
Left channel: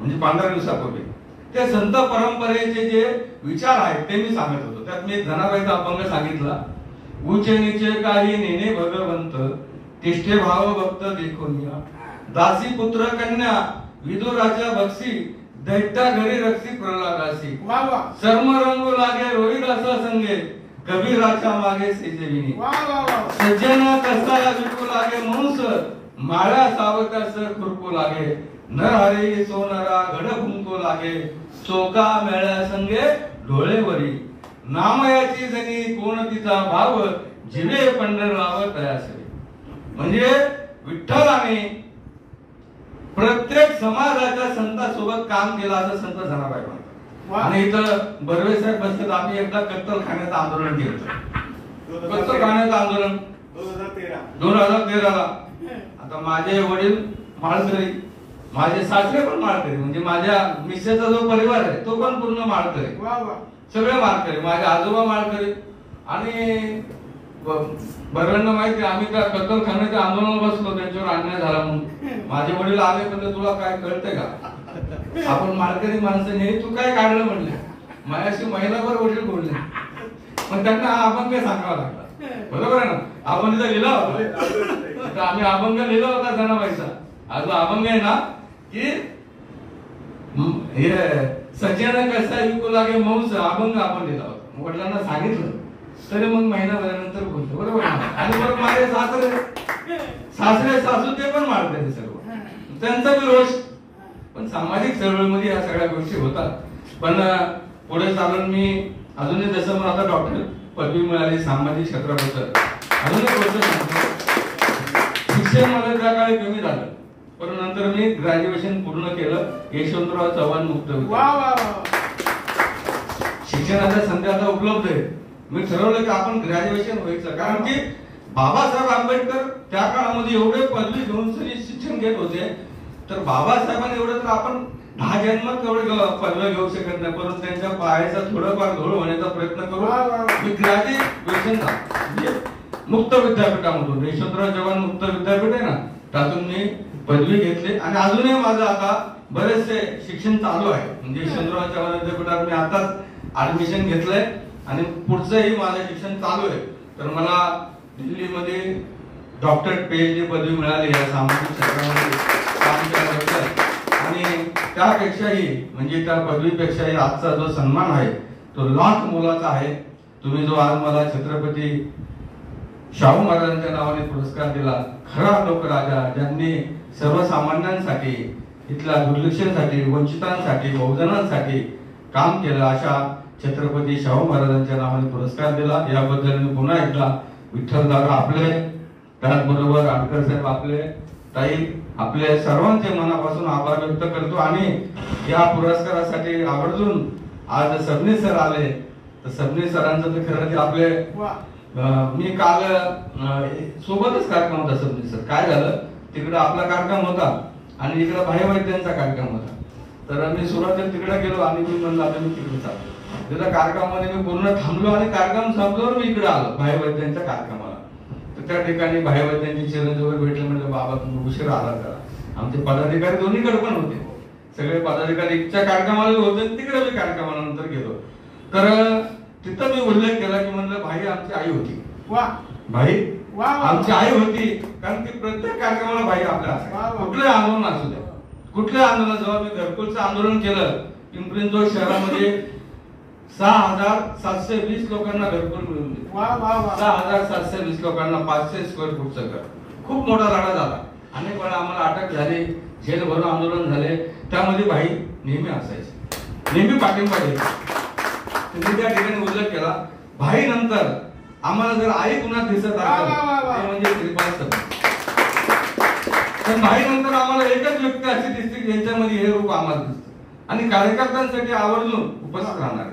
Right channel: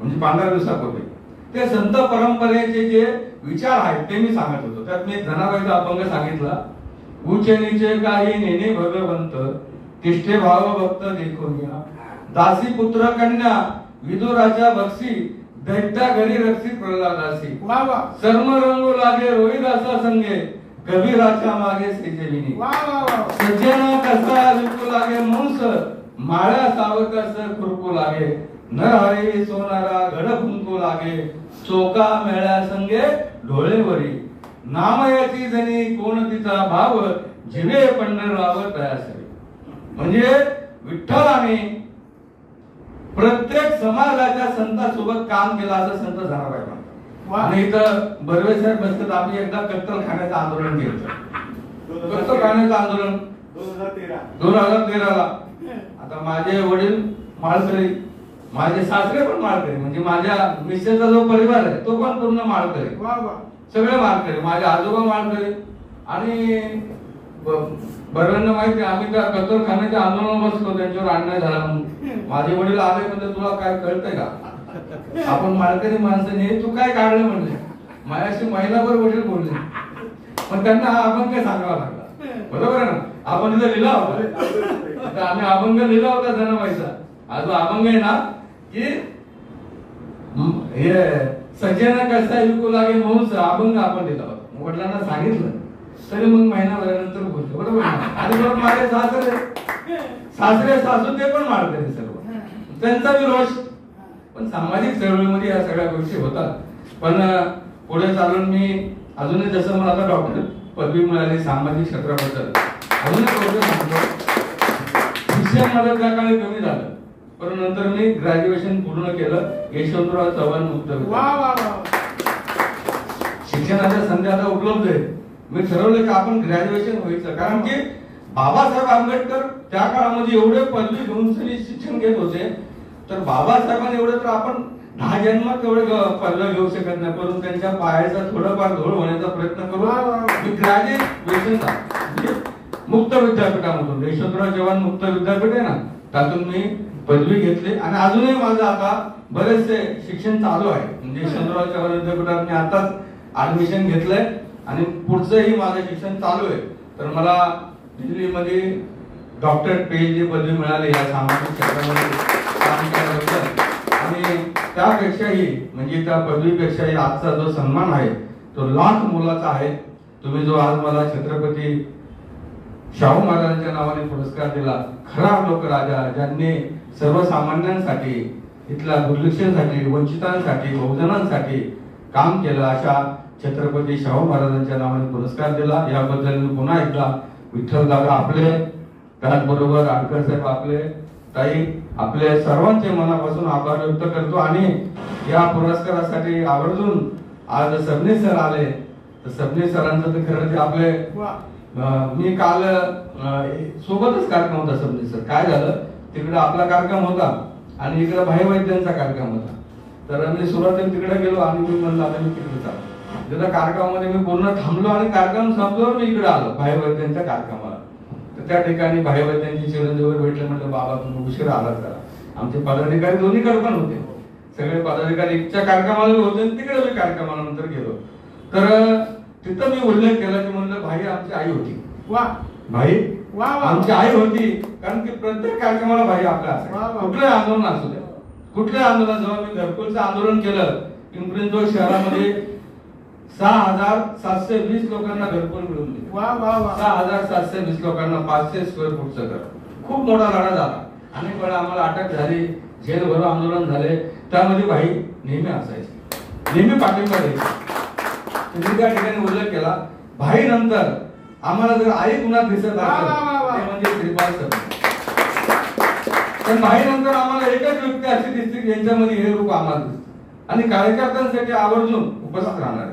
म्हणजे 15 दिवसापूर्वी. ते संत परंपरेचे जे विचार आहेत ते मी सांगत होतो. त्यात मी धनाबाईचा अभंग सांगितला. उचे नीचे काही नेने भगवंत तिष्ठे भाव भक्त देखून दासी पुत्र कन्या विदुराच्या बक्षी दैत्या घरी रक्षी प्रल्हादासी. सर्म रंगू लागे रोहिदासा संगे कबीराच्या मागे सेजेविनी. सज्जना कसा विकू लागे मुंस माळ्या सावकास खुरपू लागे नरहरी सोनारा घड फुंकू लागे चोका मेळ्या संगे डोळेवरी नामयाची जणी कोण तिचा भाव जिवे पंढरराव तयासवे. म्हणजे विठ्ठलाने प्रत्येक समाजाच्या संतांसोबत काम केलं असं संत जनाबाई म्हणतात. आणि इथं बर्वे साहेब बसतात. आम्ही एकदा कत्तलखान्याचं आंदोलन केलं. कत्तलखान्याचं आंदोलन 2013 ला. आता माझे वडील माळकरी, माझे सासरे पण माळकरी. म्हणजे माझ्या मिसेसचा जो परिवार आहे तो पण पूर्ण माळकरी, सगळे माळकरी. माझे आजोबा माळकरी. आणि बऱ्यांना माहिती आम्ही त्या कत्तलखान्याच्या आंदोलनात बसलो, त्यांच्यावर अन्याय झाला म्हणून. माझे वडील आले म्हणजे तुला काय कळतंय का, आपण माळकरी माणसाने तू काय काढलं म्हणले. माझ्याशी महिनाभर वडील बोलले, पण त्यांना हा अभंग सांगावा लागला. बरोबर आहे ना. आपण इथं लिहिला होता, आम्ही अभंग लिहिला होता जनाबाईचा. हा जो अभंग आहे ना की हे सज्जना कसा विकू लागे मौस अभंग आपण लिहिला होता. वडिलांना सांगितलं तरी मग महिनाभरानंतर बोलतो. बरोबर ना. आणि मग माझे सासरे सासू ते पण मारते सर्व, त्यांचा विरोध. पण सामाजिक चळवळीमध्ये या सगळ्या गोष्टी होतात. पण पुढे चालून मी अजूनही जसं मला आता डॉक्टर पदवी मिळाली सामाजिक क्षेत्राबद्दल, अजून एक गोष्ट सांगतो, शिक्षण माझं त्या काळी कमी झालं, पण नंतर मी ग्रॅज्युएशन पूर्ण केलं यशवंतराव चव्हाण मुक्त विद्यापीठ. शिक्षणाच्या संधी आता उपलब्ध आहे. मी ठरवलं की आपण ग्रॅज्युएशन व्हायचं, कारण की बाबासाहेब आंबेडकर त्या काळामध्ये एवढे पदवी घेऊन शिक्षण घेत होते, तर बाबासाहेबांनी एवढं तर आपण 10 जन्मात तेवढे पदव्या घेऊ शकत नाही, परंतु त्यांच्या पायाचा थोडाफार घोळ होण्याचा प्रयत्न करू. मी ग्रॅज्युएशन मुक्त विद्यापीठामधून, यशवंतराव चव्हाण मुक्त विद्यापीठ आहे ना, त्यातून मी पदवी घेतली आणि अजूनही माझं आता बरेचसे शिक्षण चालू आहे. म्हणजे यशवंतराव चव्हाण विद्यापीठात मी आताच ऍडमिशन घेतलंय आणि पुढचंही माझं शिक्षण चालू आहे. तर मला दिल्लीमध्ये डॉक्टरेट पीएचडी पदवी मिळाली या सामाजिक क्षेत्रामध्ये काम केल्याबद्दल. आणि त्यापेक्षाही म्हणजे त्या पदवीपेक्षाही आजचा जो सन्मान आहे तो लाख मोलाचा आहे. तुम्ही जो आज मला छत्रपती शाहू महाराजांच्या नावाने पुरस्कार दिला, खरा लोकराजा ज्यांनी सर्वसामान्यांसाठी, इथल्या दुर्लक्षांसाठी, वंचितांसाठी, बहुजनांसाठी काम केलं, अशा छत्रपती शाहू महाराजांच्या नावाने पुरस्कार दिला. याबद्दल मी पुन्हा एकदा विठ्ठलदादा आपले, त्याचबरोबर आडकर साहेब आपले, ताई आपले सर्वांचे मनापासून आभार व्यक्त करतो. आणि या पुरस्कारासाठी आवर्जून आज सबनीस सर आले, तर सबनीस सरांचं तर खरं ते आपले, मी काल सोबतच कार्यक्रम होता सबनीस सर. काय झालं, तिकडे आपला कार्यक्रम होता आणि इकडे भाईवैद्यांचा कार्यक्रम होता, तर मी सुरुवातीला तिकडे गेलो आणि मी म्हणलं आता मी तिकडे चालतो. त्या कार्यक्रमामध्ये मी पूर्ण थांबलो आणि कार्यक्रम संपल्यावर मी इकडे आलो भाईवैद्यांच्या कार्यक्रमाला. तर त्या ठिकाणी भाईवैद्यांची चिरंजीवर भेटले, म्हणजे बाबा तुम्ही उशीर आलात करा. आमचे पदाधिकारी दोन्हीकडे पण होते, सगळे पदाधिकारी इथच्या कार्यक्रमाला होते, तिकडे मी कार्यक्रमानंतर गेलो. तर तिथं मी उल्लेख केला की म्हणलं भाई आमची आई होती. भाई आमची आई होती, कारण की प्रत्येक कार्यक्रमाला भाई आपल्या असायचे. कुठलं आंदोलन असू द्या, कुठलं आंदोलन, जेव्हा मी घरकुलचं आंदोलन केलं पिंपरी चिंचवड शहरामध्ये 6,720 लोकांना घरकुल मिळून दिले. 6,720 लोकांना 500 स्क्वेअर फूटचं घर. खूप मोठा लढा झाला, अनेक वेळा आम्हाला अटक झाली, जेल भरो आंदोलन झाले, त्यामध्ये भाई नेहमी असायचे, नेहमी पाठिंबा द्यायचे. तुम्ही त्या ठिकाणी उल्लेख केला, भाई नंतर आम्हाला जर आई पुन्हा दिसत असेल म्हणजे श्रीपाद सर. तर भाई नंतर आम्हाला एकच व्यक्ती अशी दिसते की यांच्यामध्ये हे रूप आम्हाला दिसतं आणि कार्यकर्त्यांसाठी आवर्जून उपस्थित राहणार.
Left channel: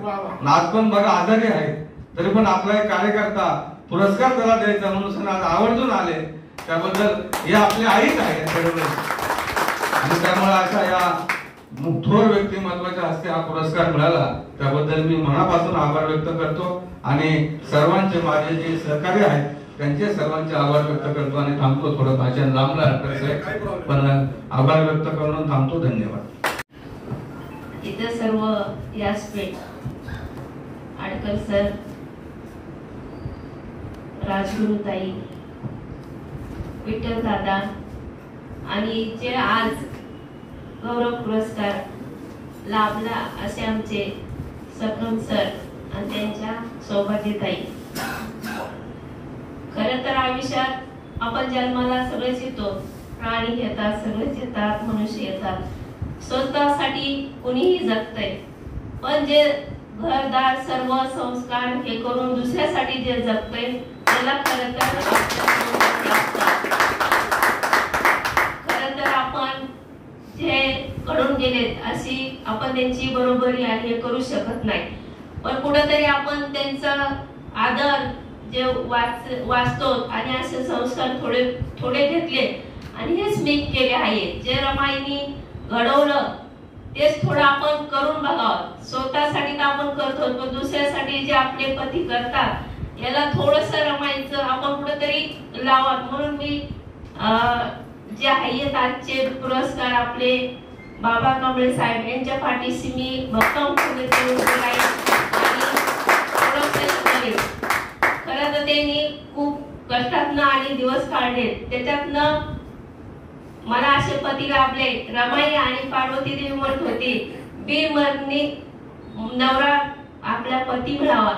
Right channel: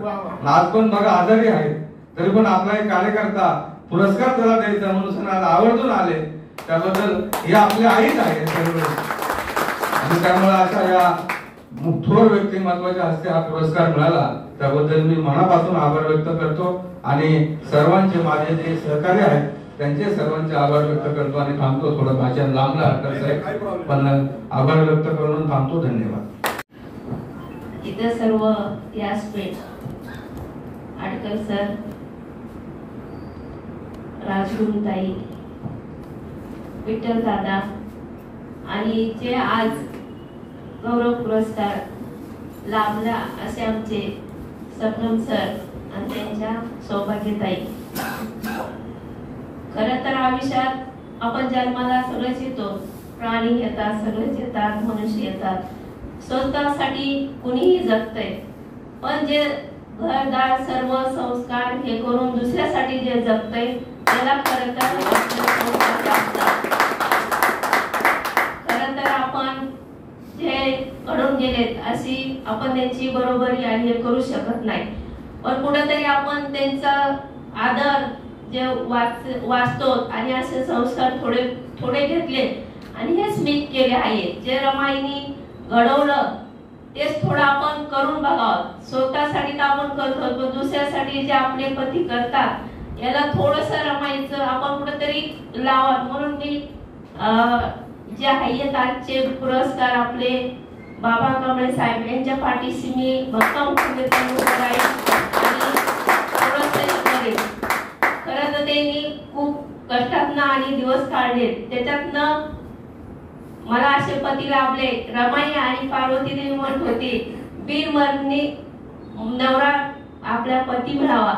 आज पण बघा आजारी आहेत, तरी पण आपला एक कार्यकर्ता पुरस्कार त्याला द्यायचा म्हणून आज आवर्जून आले, त्याबद्दल हे आपल्या आईच आहेत. आणि त्यामुळे अशा या थोर व्यक्तिमत्वाच्या हस्ते हा पुरस्कार मिळाला, त्याबद्दल मी मनापासून आभार व्यक्त करतो. आणि सर्वांचे माझे जे सहकारी आहेत त्यांचे सर्वांचे आभार व्यक्त करतो आणि थांबतो. थोडं भाषण लांबला पण आभार व्यक्त करून थांबतो. धन्यवाद. इतर सर्व व्यासपीठ, आडकर सर, राजगुरुताई, विठ्ठल दादा आणि जे आज गौरव पुरस्कार लाभला असे आमचे सपनम सर आणि त्यांच्या सौभाग्यताई. खरं तर आयुष्यात आपण जन्माला सगळेच येतो, प्राणी येतात, सगळेच येतात, मनुष्य येतात. स्वतःसाठी कुणीही जगतंय, पण जे घरदार सर्व संस्कार हे करून दुसऱ्यासाठी जे जगतंय त्याला खरं तर आपण जे घडून गेलेत अशी आपण त्यांची बरोबरी आणि हे करू शकत नाही. पण कुठेतरी आपण त्यांचा आदर जे वाचतो आणि असे संस्कार थोडे थोडे घेतले आणि हेच मी केले आहे. जे रमाईनी घडवलं तेच थोडं आपण करून बघावं. स्वतःसाठी तर आपण करतो, पण दुसऱ्यासाठी जे आपले पती करतात याला थोडस रमाईचं आपण कुठेतरी लावा. म्हणून मी जे आहेत आजचे पुरस्कार आपले बाबा कांबळे साहेब यांच्या पाठीशी मी भक्कम खरं तर त्यांनी खूप कष्टातनं आणि दिवस काढले, त्याच्यातनं मला असे पती लाभले. रमाई आणि पार्वती देवी म्हणत होती बिनमरणी नवरा आपला पती मिळावा.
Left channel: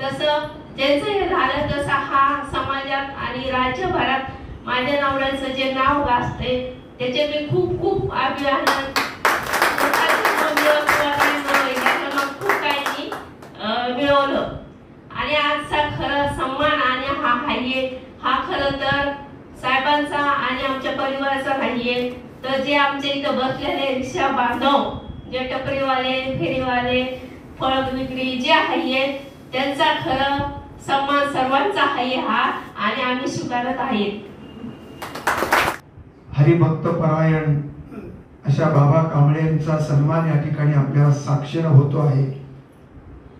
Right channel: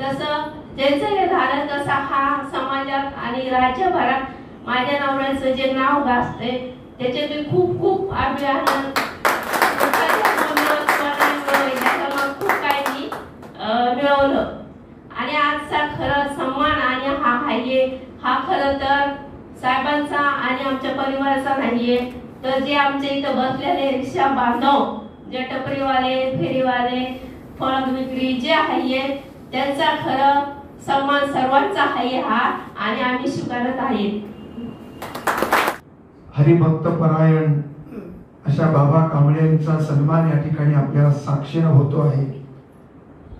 तसं ज्याचं हे झालं तसा हा समाजात आणि राज्यभरात माझ्या नवऱ्याचं जे नाव गाजते त्याचे मी खूप खूप अभिमान खूप काही मी मिळवलं. त्यांचा खरं सन्मान आणि हा आहे हा खरं तर साहेबांचा आणि आमच्या परिवाराचा नाहीये, तर जे आमच्या इथं बसलेले रिक्षा बांधव, जे टपरीवाले, फेरीवाले, फळ विक्री जे आहे त्यांचा खरं सन्मान सर्वांचा आहे हा, आणि आम्ही स्वीकारत आहे. हरिभक्त परायण अशा बाबा कांबळेंचा सन्मान या ठिकाणी आपल्याला साक्षीनं होतो आहे,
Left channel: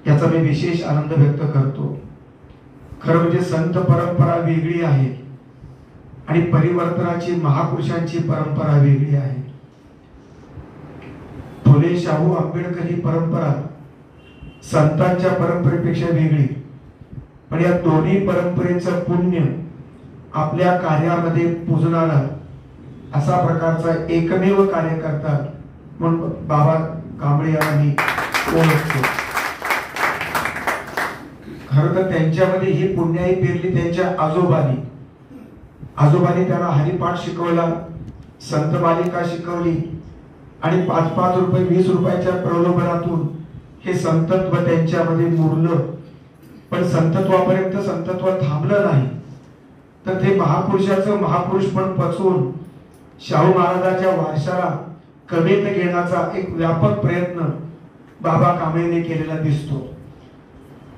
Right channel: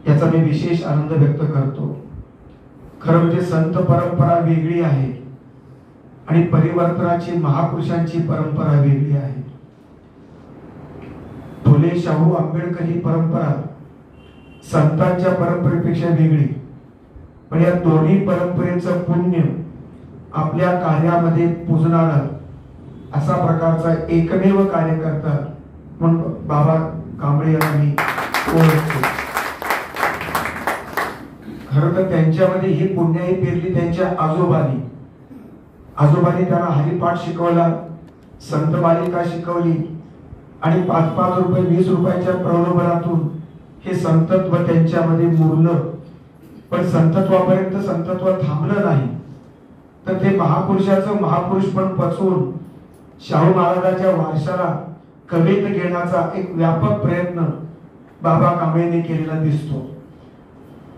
याचा मी विशेष आनंद व्यक्त करतो. खरं म्हणजे संत परंपरा वेगळी आहे आणि परिवर्तनाची महापुरुषांची परंपरा वेगळी आहे. फुले शाहू आंबेडकर ही परंपरा संतांच्या परंपरेपेक्षा वेगळी, पण या दोन्ही परंपरेचं पुण्य आपल्या कार्यामध्ये पुजणारा असा प्रकारचा एकमेव कार्यकर्ता म्हणून बाबा कांबळे यांना मी ओळखतो. खरं तर त्यांच्यामध्ये ही पुण्याई पेरली त्यांच्या आजोबांनी त्यांना हरिपाठ शिकवला, संत मालिका शिकवली आणि 5-5 रुपये 20 रुपयाच्या प्रलोभनातून हे संतत्व त्यांच्यामध्ये मुरलं. पण संतत्वापर्यंत संतत्व थांबलं नाही, तर ते महापुरुषाचं महापुरुष पण पचवून शाहू महाराजांच्या वारशाला कवेत घेण्याचा एक व्यापक प्रयत्न बाबा कांबळेंनी केलेला दिसतो.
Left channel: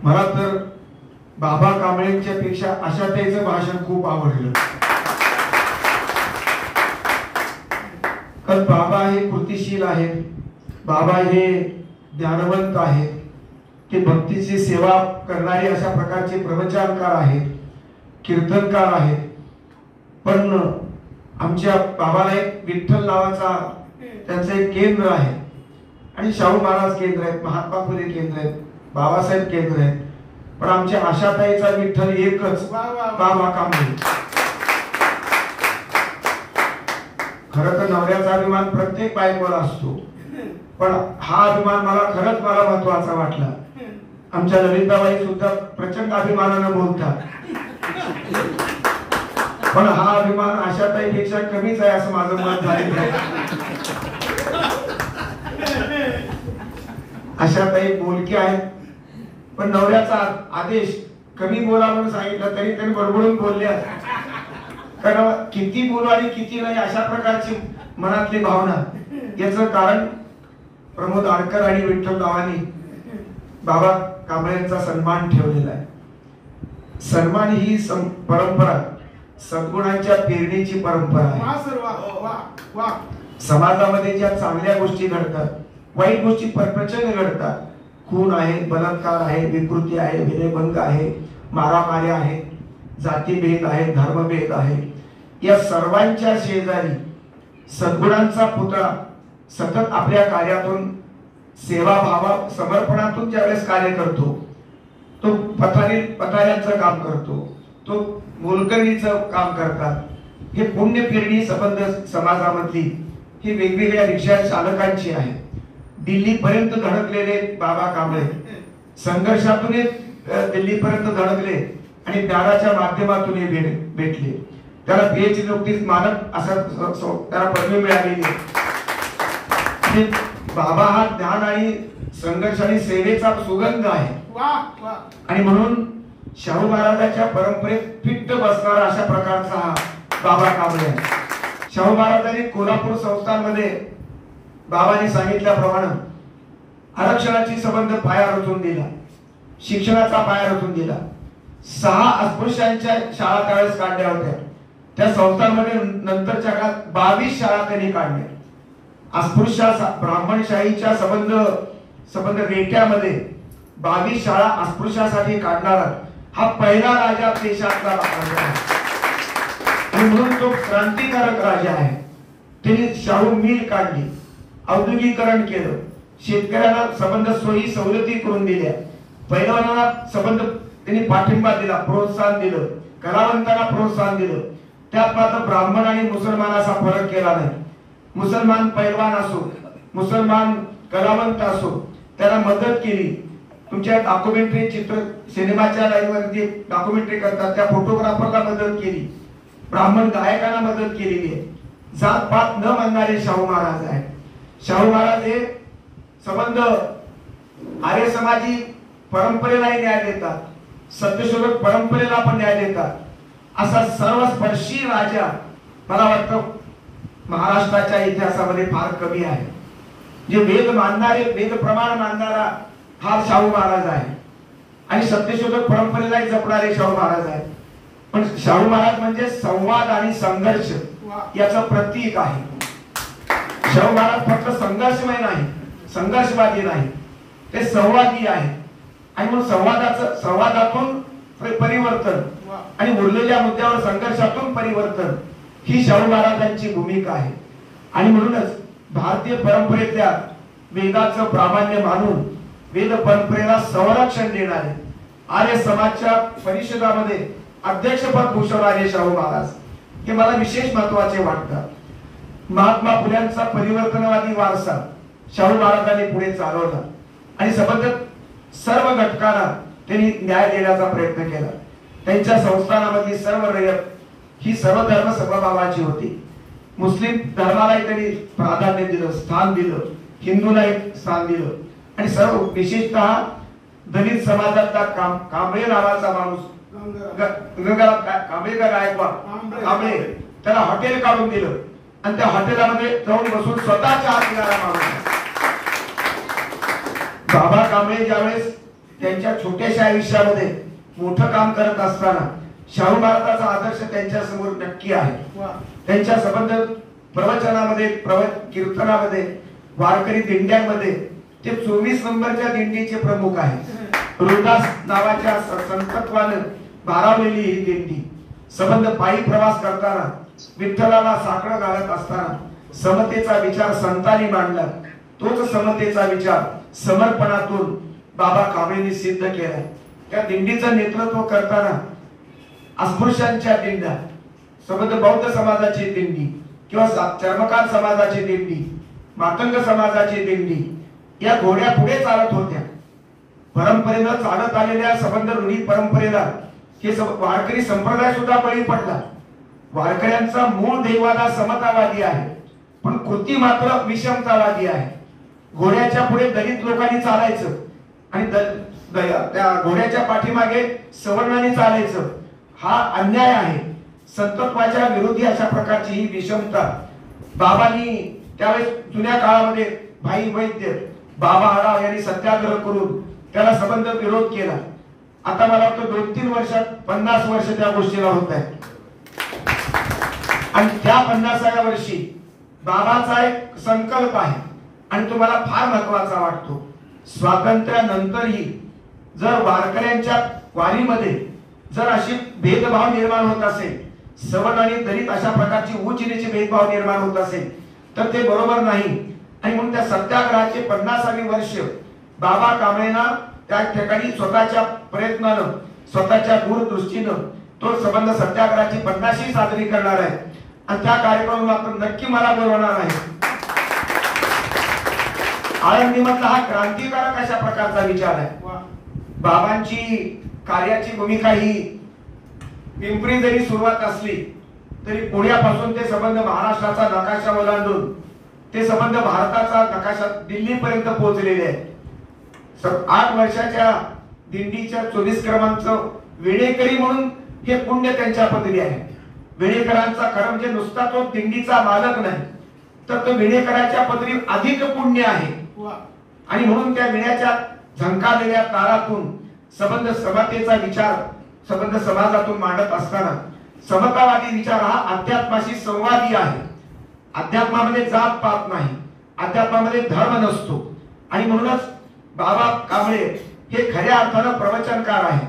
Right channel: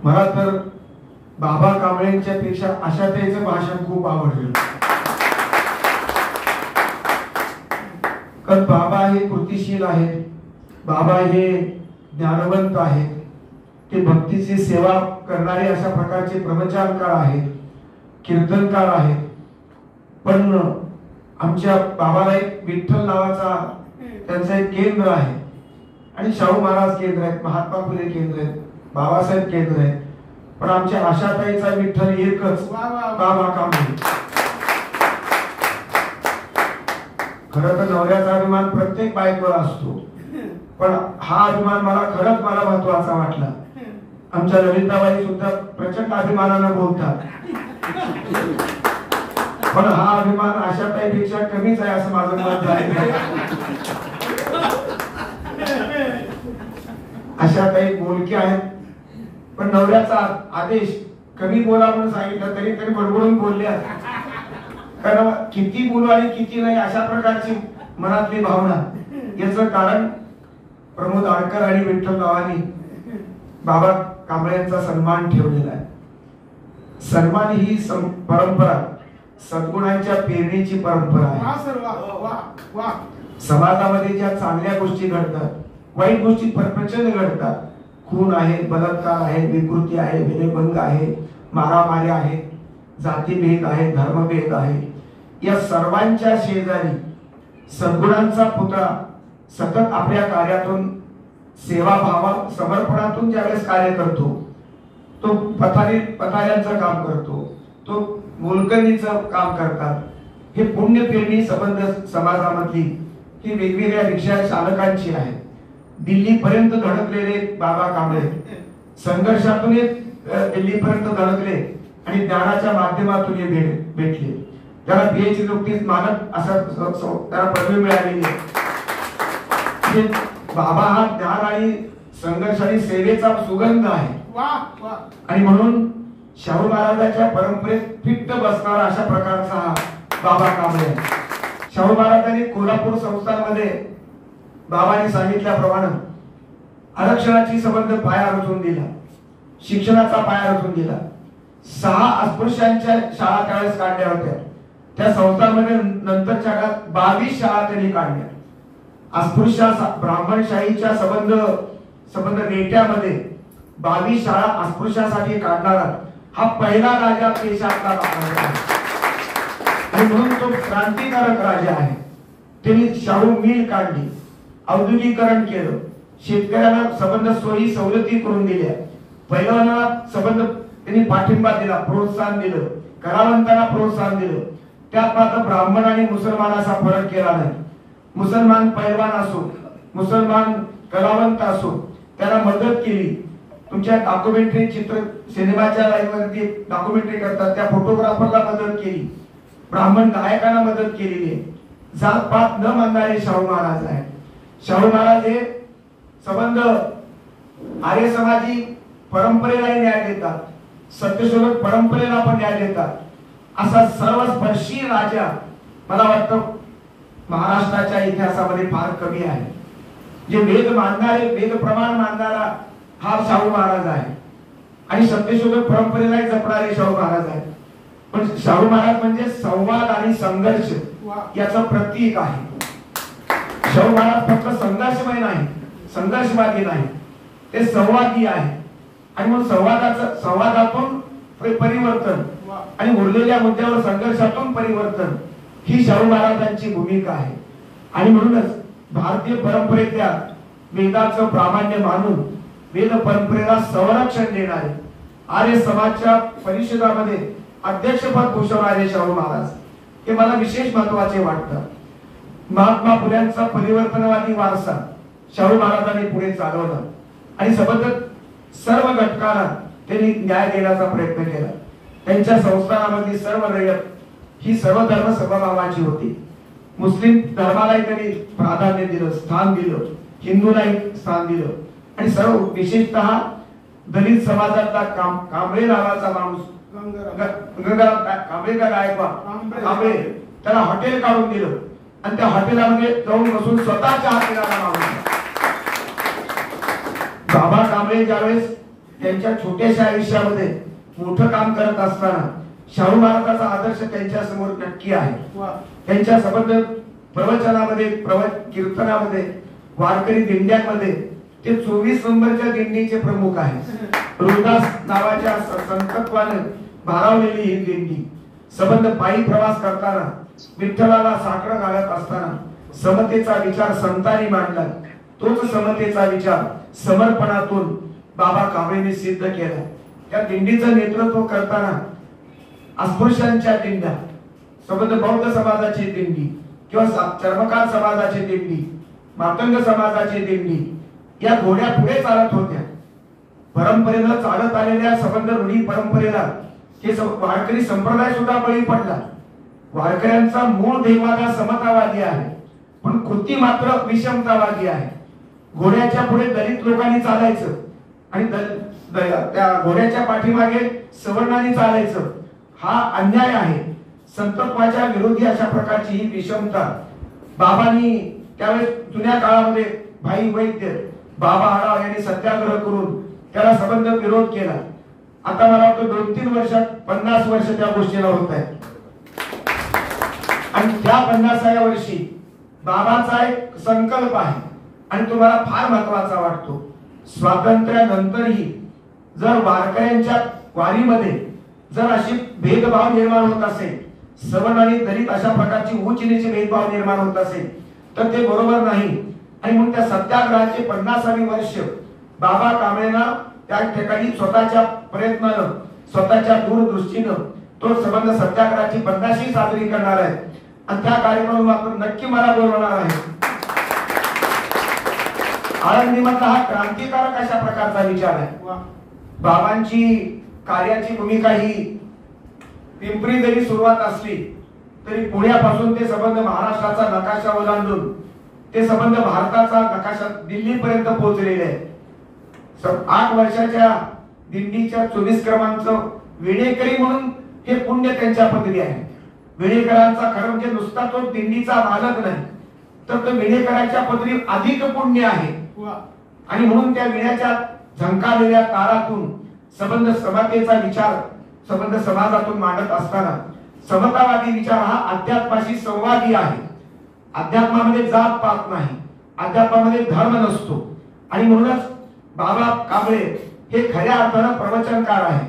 मला तर बाबा कांबळेंच्या पेक्षा आशाताईचं भाषण खूप आवडलं. कारण बाबा हे कृतिशील आहेत, बाबा हे ज्ञानवंत आहेत, ते भक्तीची सेवा करणारे अशा प्रकारचे प्रवचनकार आहेत, कीर्तनकार आहेत. पण आमच्या बाबाला एक विठ्ठल नावाचा त्यांचं एक केंद्र आहे आणि शाहू महाराज केंद्र आहेत, महात्मा फुले केंद्र आहेत, बाबासाहेब केंद्र आहेत. पण आमच्या आशाताईचा विठ्ठल एकच, बाबा कांबळे. खरं तर नवऱ्याचा अभिमान प्रत्येक बायकोला असतो, पण हा अभिमान मला महत्वाचा वाटला. आमच्या ललिताबाई सुद्धा प्रचंड अभिमानाने बोलतात, पण हा अभिमान आशाताईपेक्षा कमीच आहे असं माझं मत झालेलं आहे. आशाताई बोलक्या आहेत, पण नवऱ्याचा आदेश कमी बोला म्हणून सांगितलं तरी तरी बडबडून बोलल्या. कारण किती बोलू आणि किती नाही अशा प्रकारची मनातली भावना. याचं कारण प्रमोद आडकर आणि विठ्ठल रावांनी बाबा कांबळेंचा सन्मान ठेवलेला आहे. सन्मान ही परंपरा सद्गुणांच्या पेरणीची परंपरा आहे. समाजामध्ये ज्या चांगल्या गोष्टी घडतात, वाईट गोष्टी प्रचंड घडतात. खून आहे, बलात्कार आहे, विकृती आहे, विनयभंग आहे, मारामारी आहे, जातीभेद आहे, धर्मभेद आहे. या सर्वांच्या शेजारी सद्गुणांचा पुतळा सतत आपल्या कार्यातून सेवाभावा समर्पणातून ज्यावेळेस कार्य करतो, तो पथाऱ्यांचं काम करतो, तो मोलकरीचं काम करतात. हे पुण्य पेरणी संबंध समाजामधली ही वेगवेगळ्या रिक्षा चालकांची आहे. दिल्लीपर्यंत धडकलेले बाबा कांबळे संघर्षातून दिल्लीपर्यंत धडकले आणि ज्ञानाच्या माध्यमातून भेटले. त्याला पीएचडी नुकतीच मानक असं त्याला पदवी मिळालेली. बाबा हा ज्ञान आणि संघर्ष आणि सेवेचा सुगंध आहे. आणि म्हणून शाहू महाराजांच्या परंपरेत फिट्ट बसणारा अशा प्रकारचा हा बाबा कांबळे आहे. शाहू महाराजांनी कोल्हापूर संस्थांमध्ये बाबांनी सांगितल्याप्रमाणे आरक्षणाची संबंध पाया रचून दिला, शिक्षणाचा पाया रचून दिला. 6 अस्पृश्यांच्या शाळा त्यावेळेस काढल्या होत्या. त्या संस्थांमध्ये नंतरच्या काळात 22 शाळा त्यांनी काढल्या. अस्पृश्य ब्राह्मणशाहीच्या संबंध रेट्यामध्ये 22 शाळा अस्पृश्यासाठी काढणारा हा पहिला राजा देशातला आहे. आणि म्हणून तो क्रांतिकारक राजा आहे. त्यांनी शाहू मिल काढली, औद्योगिकरण केलं, शेतकऱ्यांना संबंध सोयी सवलती करून दिल्या, पैलवानांना संबंध त्यांनी पाठिंबा दिला, प्रोत्साहन दिलं, कलावंतांना प्रोत्साहन दिलं. त्यात मात्र ब्राह्मण आणि मुसलमान असा फरक केला नाही. मुसलमान पैलवान असो, मुसलमान कलावंत असो, त्याला मदत केली. तुमच्या डॉक्युमेंटरी चित्र सिनेमाच्या लाईनवरती डॉक्युमेंटरी करतात त्या फोटोग्राफरला मदत केली, ब्राह्मण गायकांना मदत केलेली आहे. जात पात न मानणारे शाहू महाराज आहे. शाहू महाराज हे संबंध आर्य समाजी परंपरेलाही न्याय देतात, सत्यशोधक परंपरेला पण न्याय देतात असा सर्वस्पर्शी राजा मला वाटतं महाराष्ट्राच्या इतिहासामध्ये फार कमी आहे. जे वेद मानणारे, वेद प्रमाण मानणारा हा शाहू महाराज आहे आणि सत्यशोधक परंपरेलाही जपणारे शाहू महाराज आहेत. पण शाहू महाराज म्हणजे संवाद आणि संघर्ष याचं प्रतीक आहे. शाहू महाराज फक्त संघर्षमय नाही, संघर्षवादी नाही, ते संवादी आहे. आणि मग संवादातून परिवर्तन आणि उरलेल्या मुद्द्यावर संघर्षातून परिवर्तन ही शाहू महाराजांची भूमिका आहे. आणि म्हणूनच भारतीय परंपरेतल्या वेदाचं प्रामाण्य मानून वेद परंपरेला संरक्षण देणारे आर्य समाजच्या परिषदामध्ये अध्यक्षपद भूषवणारे शाहू महाराज हे मला विशेष महत्वाचे वाटतात. महात्मा फुल्यांचा परिवर्तनवादी वारसा शाहू महाराजांनी पुढे चालवला आणि सबंधित सर्व घटकांना त्यांनी न्याय देण्याचा प्रयत्न केला. त्यांच्या संस्थानामधली सर्व रयत ही सर्व धर्म समभावाची होती. मुस्लिम धर्मालाही त्यांनी प्राधान्य दिलं, स्थान दिलं, हिंदूलाही स्थान दिलं आणि सर्व विशेषतः दलित समाजातला कांबळे नावाचा माणूस गंगाराम कांबळेकर गायकवाड कांबळे त्याला हॉटेल काढून दिलं आणि त्या हॉटेलामध्ये जाऊन बसून स्वतःच्या हातीला माणूस. बाबा कांबळे ज्यावेळेस त्यांच्या छोट्याशा आयुष्यामध्ये मोठं काम करत असताना शाहू महाराजांचा आदर्श त्यांच्या समोर नक्की आहे. त्यांच्या संबंध प्रवचनामध्ये, कीर्तनामध्ये, वारकरी दिंड्यांमध्ये ते 24 नंबरच्या दिंडीचे प्रमुख आहेत. रोहिदास नावाच्या संतत्वाने भारावलेली ही दिंडी संबंध पायी प्रवास करताना विठ्ठलाला साकडं घालत असताना समतेचा विचार संतांनी मांडला. तोच समतेचा विचार समर्पणातून बाबा कांबळेंनी सिद्ध केला. त्या दिंडीचं नेतृत्व करताना अस्पृश्यांच्या दिंड्या, संबंध बौद्ध समाजाची दिंडी किंवा चर्मकार समाजाची दिंडी, मातंग समाजाची दिंडी या घोड्या पुढे चालत होत्या. परंपरेनं चालत आलेल्या संबंध रूढी परंपरेला हे वारकरी संप्रदाय सुद्धा बळी पडला. वारकऱ्यांचा मूळ देवाला समतावादी आहे पण कृती मात्र विषमतावादी आहे. घोड्याच्या पुढे दलित लोकांनी चालायचं आणि त्या घोड्याच्या पाठीमागे सवर्णांनी चालायचं हा अन्याय आहे. संतत्वाच्या विरोधी अशा प्रकारची ही विषमता बाबांनी त्यावेळेस जुन्या काळामध्ये भाई वैद्य बाबा आढाव यांनी सत्याग्रह करून त्याला सबंध विरोध केला. आता मला वाटतं 2-3 वर्षात 50 वर्ष त्या गोष्टीला होत आहेत. आणि त्या 50व्या वर्षी बाबांचा एक संकल्प आहे आणि तो मला फार महत्वाचा वाटतो. स्वातंत्र्यानंतरही जर वारकऱ्यांच्या वारीमध्ये जर अशी भेदभाव निर्माण होत असेल, सवर्ण आणि दलित अशा प्रकारची उच्च नीच भेदभाव निर्माण होत असेल तर ते बरोबर नाही. आणि म्हणून त्या सत्याग्रहाचे 50वी वर्ष बाबा कांबळेंना त्या ठिकाणी स्वतःच्या प्रयत्नानं, स्वतःच्या दूरदृष्टीनं तो संबंध सत्याग्रहाची 50वी साजरी करणार आहे आणि त्या कार्यक्रमात मात्र नक्की मला बोलवणार आहे. आळंदीमधला हा क्रांतिकारक अशा प्रकारचा विचार आहे. बाबांची कार्याची भूमिका ही पिंपरी जरी सुरुवात असली तरी पुण्यापासून ते संबंध महाराष्ट्राचा नकाशा ओलांडून ते संबंध भारताचा नकाशा दिल्लीपर्यंत पोहोचलेले आहेत. 8 वर्षाच्या दिंडीच्या 24 क्रमांक विणेकरी म्हणून हे पुण्य त्यांच्या पदरी आहे. विणेकरांचा खरं म्हणजे नुसता तो दिंडीचा मालक नाही तर तो विणेकरांच्या पदरी अधिक पुण्य आहे. आणि म्हणून त्या विण्याच्या झंकालेल्या तारातून संबंध समतेचा विचार संबंध समाजातून मांडत असताना समतावादी विचार हा अध्यात्माशी संवादी आहे. अध्यात्मामध्ये जात पात नाही, अध्यात्मामध्ये धर्म नसतो. आणि म्हणूनच बाबा कांबळे हे खऱ्या अर्थानं प्रवचनकार आहे.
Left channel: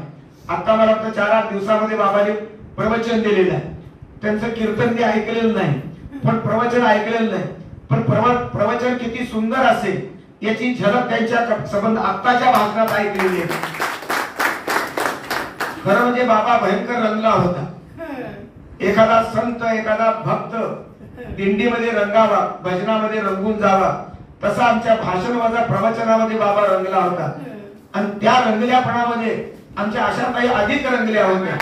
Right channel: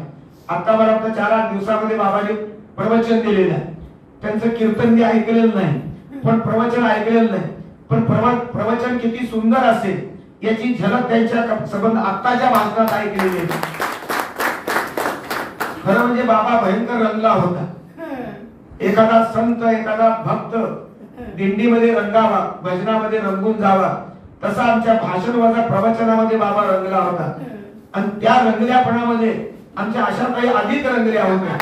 आता मला वाटतं 4-8 दिवसामध्ये बाबाने प्रवचन दिलेलं आहे. त्यांचं कीर्तन मी ऐकलेलं नाही पण प्रवचन ऐकलेलं नाही. पण प्रवचन किती सुंदर असेल याची झलक त्यांच्या संबंध आत्ताच्या भाषणात ऐकलेली आहे. खरं म्हणजे बाबा भयंकर रंगला होता. एखादा संत, एखादा भक्त दिंडीमध्ये रंगावा, भजनामध्ये रंगून जावा तसा आमच्या भाषण वजा प्रवचनामध्ये बाबा रंगला होता. आणि त्या रंगल्यापणामध्ये आमच्या आशाताई अधिक रंगल्या होत्या.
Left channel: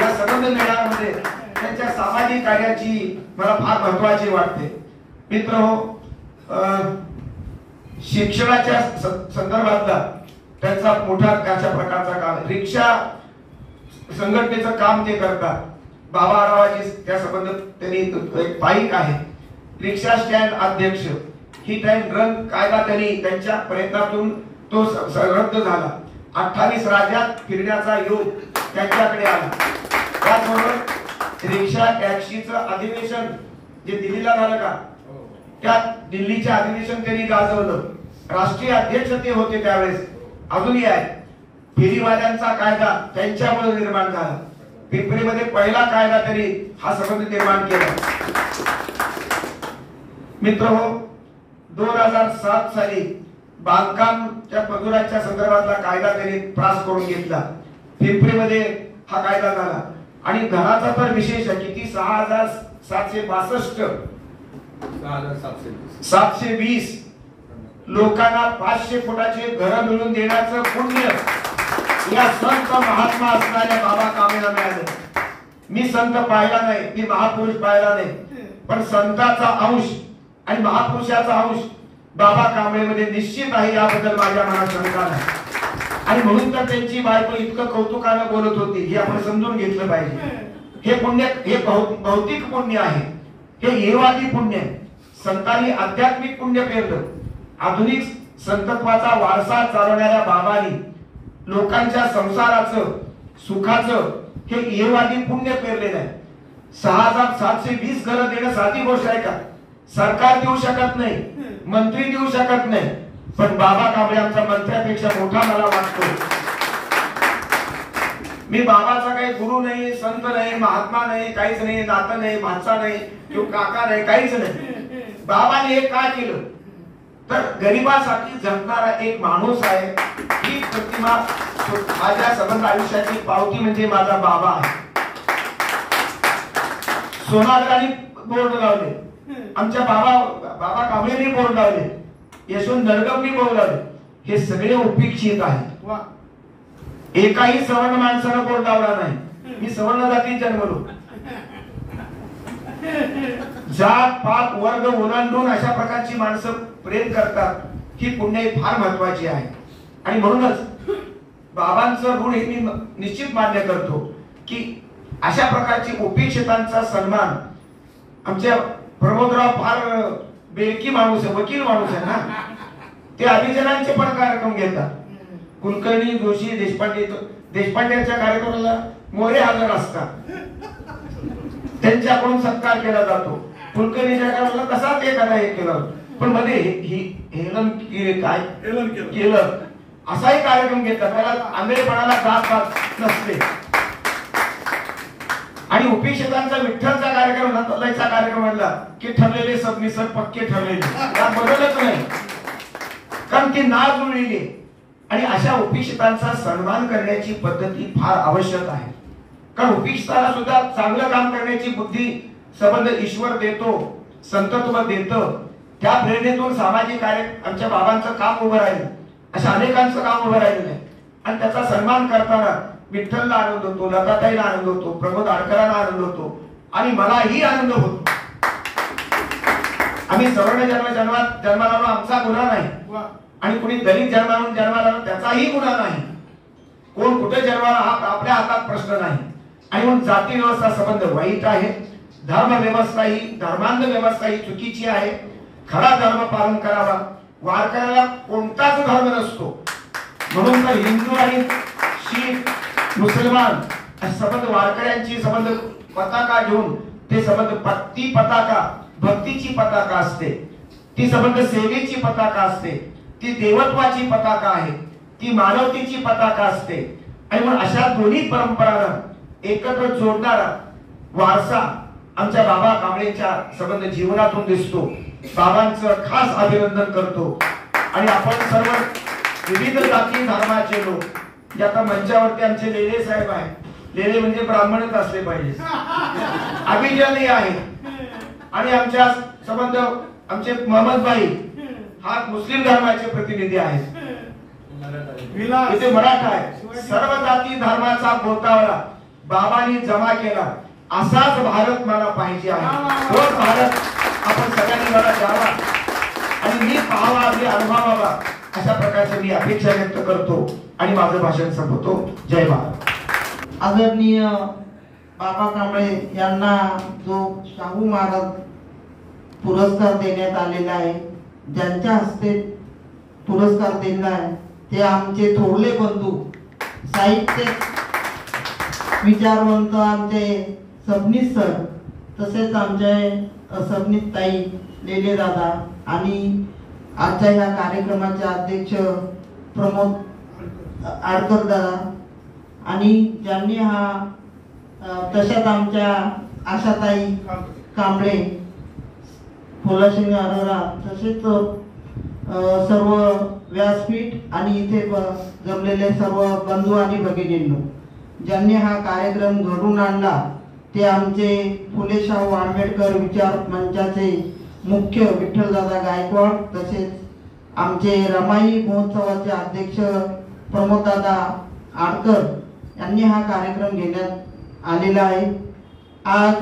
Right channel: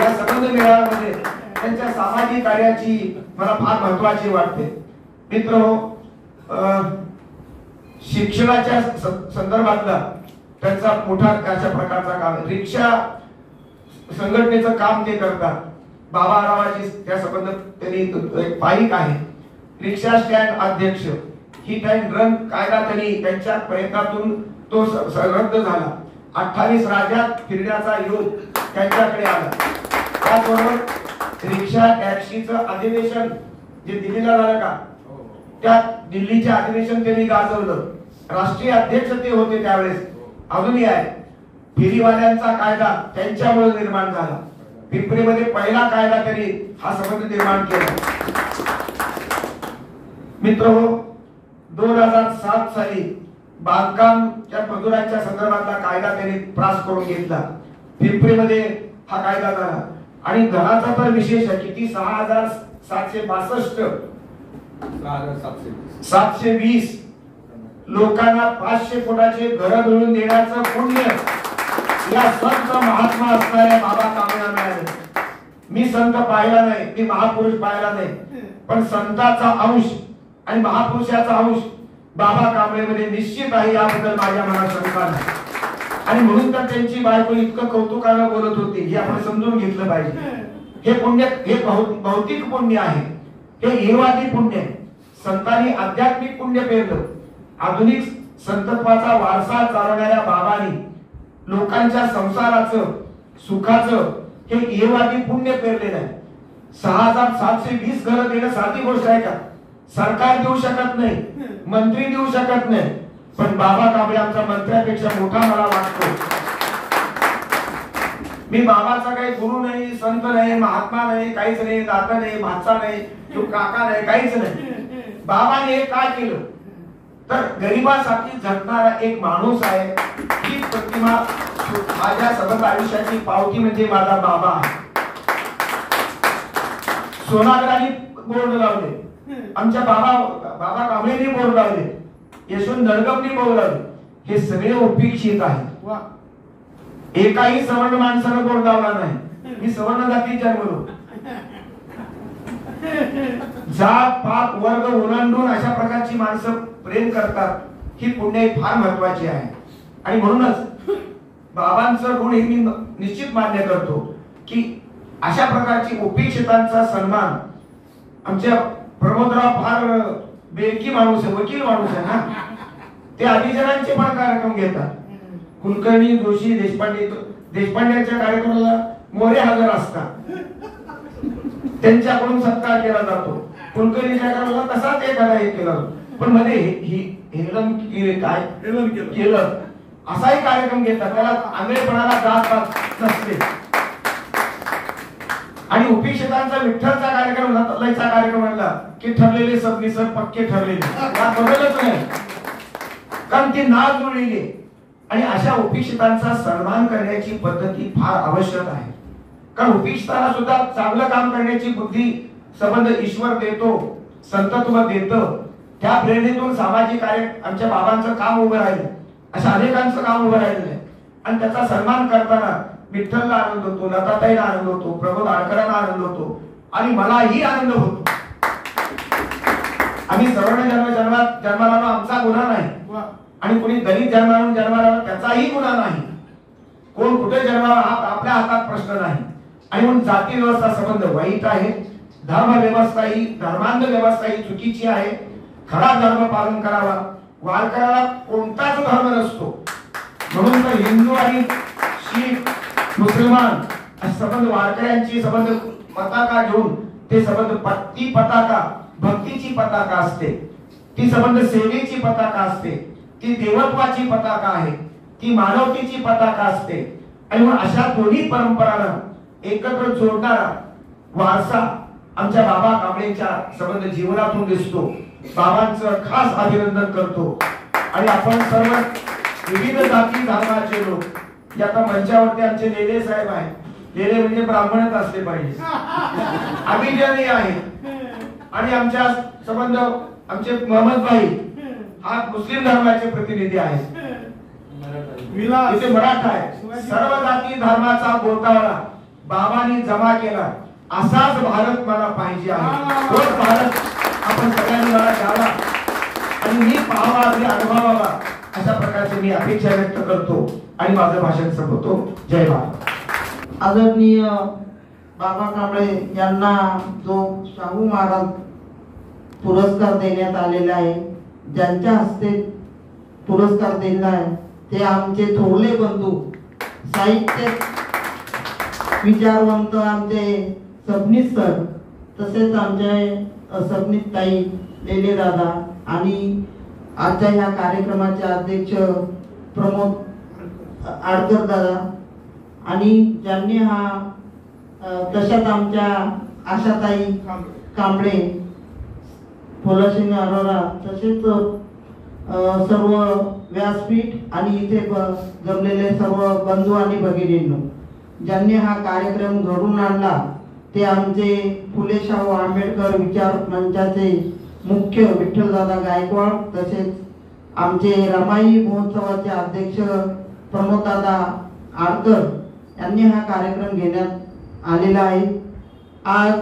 या संबंध मेळाव्यामध्ये त्यांच्या सामाजिक कार्याची मला फार महत्वाची वाटते. मित्र हो, शिक्षणाच्या संदर्भातला त्यांचा मोठा अशा प्रकारचा काम. रिक्षा संघटनेचं काम ते करतात. बाबा आरावाची त्या संबंध त्यांनी एक पाईक आहे. रिक्षा स्टँड अध्यक्ष, हिट अँड रन कायदा त्यांनी त्यांच्या प्रयत्नातून तो रद्द झाला. 28 राज्यात फिरण्याचा योग त्यांच्याकडे आला. त्याचबरोबर रिक्षा टॅक्सीचं अधिवेशन जे दिल्लीला झालं का, त्या दिल्लीचे अधिवेशन त्यांनी गाजवलं. राष्ट्रीय अध्यक्ष ते होते त्यावेळेस, अजूनही आहे. फेरीवाल्यांचा कायदा त्यांच्यामुळे निर्माण झाला. पिंपरीमध्ये पहिला कायदा त्यांनी हा संबंध निर्माण केला. मित्रहो, 2007 साली बांधकामच्या मजुरांच्या संदर्भातला कायदा त्यांनी पास करून घेतला. पिंपरीमध्ये हा कायदा झाला. आणि घराचा तर विशेष आहे. किती 6,762 720 लोकांना 500 फुटाचे घर मिळून देण्याचं पुण्य या संत महात्मा असणाऱ्या बाबा कांबळेला मिळालं. मी संत पाहिला नाही, मी महापुरुष पाहिला नाही, पण संताचा अंश आणि महापुरुषाचा अंश बाबा कांबळेमध्ये निश्चित आहे, याबद्दल माझ्या मनात शंका नाही. आणि म्हणून तर त्यांची बायको इतकं कौतुकानं बोलत होती, हे आपण समजून घेतलं पाहिजे. हे पुण्य, हे भौतिक पुण्य आहे, हे ईहवादी पुण्य. संतांनी आध्यात्मिक पुण्य पेरलं. आधुनिक संतत्वाचा वारसा चालवणाऱ्या बाबांनी लोकांच्या संसाराचं सुखाचं हे ईहवादी पुण्य पेरलेलं आहे. 6,720 घरं देणं साधी गोष्ट आहे का? सरकार देऊ शकत नाही, मंत्री देऊ शकत नाही, पण बाबा कांबळे आमचा मंत्र्यापेक्षा मोठा मला वाटतो. मी बाबाचा काही गुरु नाही, संत नाही, महात्मा नाही, काहीच नाही, दाता नाही, भाचा नाही, काका नाही, काहीच नाही. बाबाने हे का केलं तर गरिबासाठी झटणारा एक माणूस आहे. ही प्रतिमा माझ्या सगळ्या आयुष्याची पावती म्हणजे माझा बाबा आहे. सोनारगांनी बोर्ड लावले, आमच्या बाबा कांबळेंनी बोर्ड लावले, यशवंत दडगमनी बोर्ड लावले. हे सगळे उपेक्षित आहे. एकाही सवर्ण माणसानं बोर्ड लावला नाही. मी सवर्ण जातीत जन्मलो. जात पात वर्ग ओलांडून अशा प्रकारची माणसं प्रेम करतात, ही पुण्य फार महत्वाची आहे. आणि म्हणूनच बाबांचं गुण हे मी निश्चित मान्य करतो की अशा प्रकारची उपेक्षितांचा सन्मान. आमच्या प्रमोदराव फार बेरकी माणूस आहे, वकील माणूस आहे ना. ते अभिजनांचे पण कार्यक्रम घेतात. कुलकर्णी, जोशी, देशपांडेच्या कार्यक्रमाला मोरे हजर असतात, त्यांच्याकडून सत्कार केला जातो. कुलकर्णीच्या कार्यक्रमाला तसाच हे केलं, पण मध्ये हेलन केलं असाही कार्यक्रम घेतात. त्याला आंधळेपणाला जात नसते. आणि उपेक्षितांचा विठ्ठलचा कार्यक्रम, लयचा कार्यक्रम म्हणला की ठरलेले सबनिसर पक्के ठरलेले, त्या बदलच नाही, कारण ती नाळ जुळलेली. आणि अशा उपेक्षितांचा सन्मान करण्याची पद्धती फार आवश्यक आहे. कारण उपेक्षितांना सुद्धा चांगलं काम करण्याची बुद्धी संबंध ईश्वर देतो, संतत्व देतं. त्या प्रेरणेतून सामाजिक कार्य आमच्या बाबांचं काम उभं राहिलं, अशा अनेकांचं काम उभं राहिलं आहे. आणि त्याचा सन्मान करताना विठ्ठलला आनंद होतो, लताताईला आनंद होतो, प्रमोद आडकरांना आनंद होतो, आणि मलाही आनंद होतो. आम्ही सवर्ण जन्माला आमचा गुन्हा नाही, आणि कोणी दलित जन्माला त्याचाही गुन्हा नाही. कोण कुठे जन्माला हा आपल्या हातात प्रश्न नाही. आणि म्हणून जाती व्यवस्था संबंध वाईट आहे. धर्म व्यवस्था ही, धर्मांध व्यवस्था ही चुकीची आहे. खरा धर्म पालन करावा. वारकऱ्याला कोणताच धर्म नसतो. म्हणून तर हिंदू आणि शीख, मुसलमान संबंध वारकऱ्यांची संबंध पताका घेऊन ते संबंध, ती पताका भक्तीची पताका असते, ती संबंध सेवेची पताका असते, ती देवत्वाची पताका आहे, ती मानवतेची पताका असते. आणि म्हणून अशा दोन्ही परंपरांना एकत्र जोडणारा वारसा आमच्या बाबा कांबळेंच्या संबंध जीवनातून दिसतो. बाबांचं खास अभिनंदन करतो. आणि आपण सर्व विविध जाती धर्माचे लोक, या मंचावरती आमचे लेले साहेब आहेत. लेले म्हणजे ब्राह्मणच असले पाहिजे, अभिजनी आहे. आणि आमच्या संबंध आमचे मोहम्मदभाई हा मुस्लिम धर्माचे प्रतिनिधी आहेत, इथे मराठा आहे. सर्व जाती धर्माचा गोतावळा बाबांनी जमा केला. असाच भारत मला पाहिजे आहे. तोच भारत आपण सगळ्यांनी मला द्यावा आणि मी पाहावा, अनुभवावा. अशा प्रकारची मी अपेक्षा व्यक्त करतो आणि माझं भाषण संपवतो. जय भारत. आदरणीय बाबा कांबळे यांना जो शाहू महाराज पुरस्कार देण्यात आलेला आहे, ज्यांच्या हस्ते पुरस्कार दिला आहे ते आमचे थोरले बंधू साहित्य विचारवंत आमचे सबनीस सर, तसेच आमचे सबनीस ताई, लेले दादा आणि आजच्या या कार्यक्रमाचे अध्यक्ष प्रमोद आडकर दादा, आणि ज्यांनी हा तशाच आमच्या आशाताई कांबळे, फुलसिंग अरोरा, तसेच सर्व व्यासपीठ आणि इथे जमलेले सर्व बंधू आणि भगिनींनो, ज्यांनी हा कार्यक्रम घडून आणला ते आमचे फुले शाहू आंबेडकर विचार मंचाचे मुख्य विठ्ठलदादा गायकवाड, तसेच आमचे रमाई महोत्सवाचे अध्यक्ष प्रमोददादा आडकर यांनी हा कार्यक्रम घेण्यात आलेला आहे. आज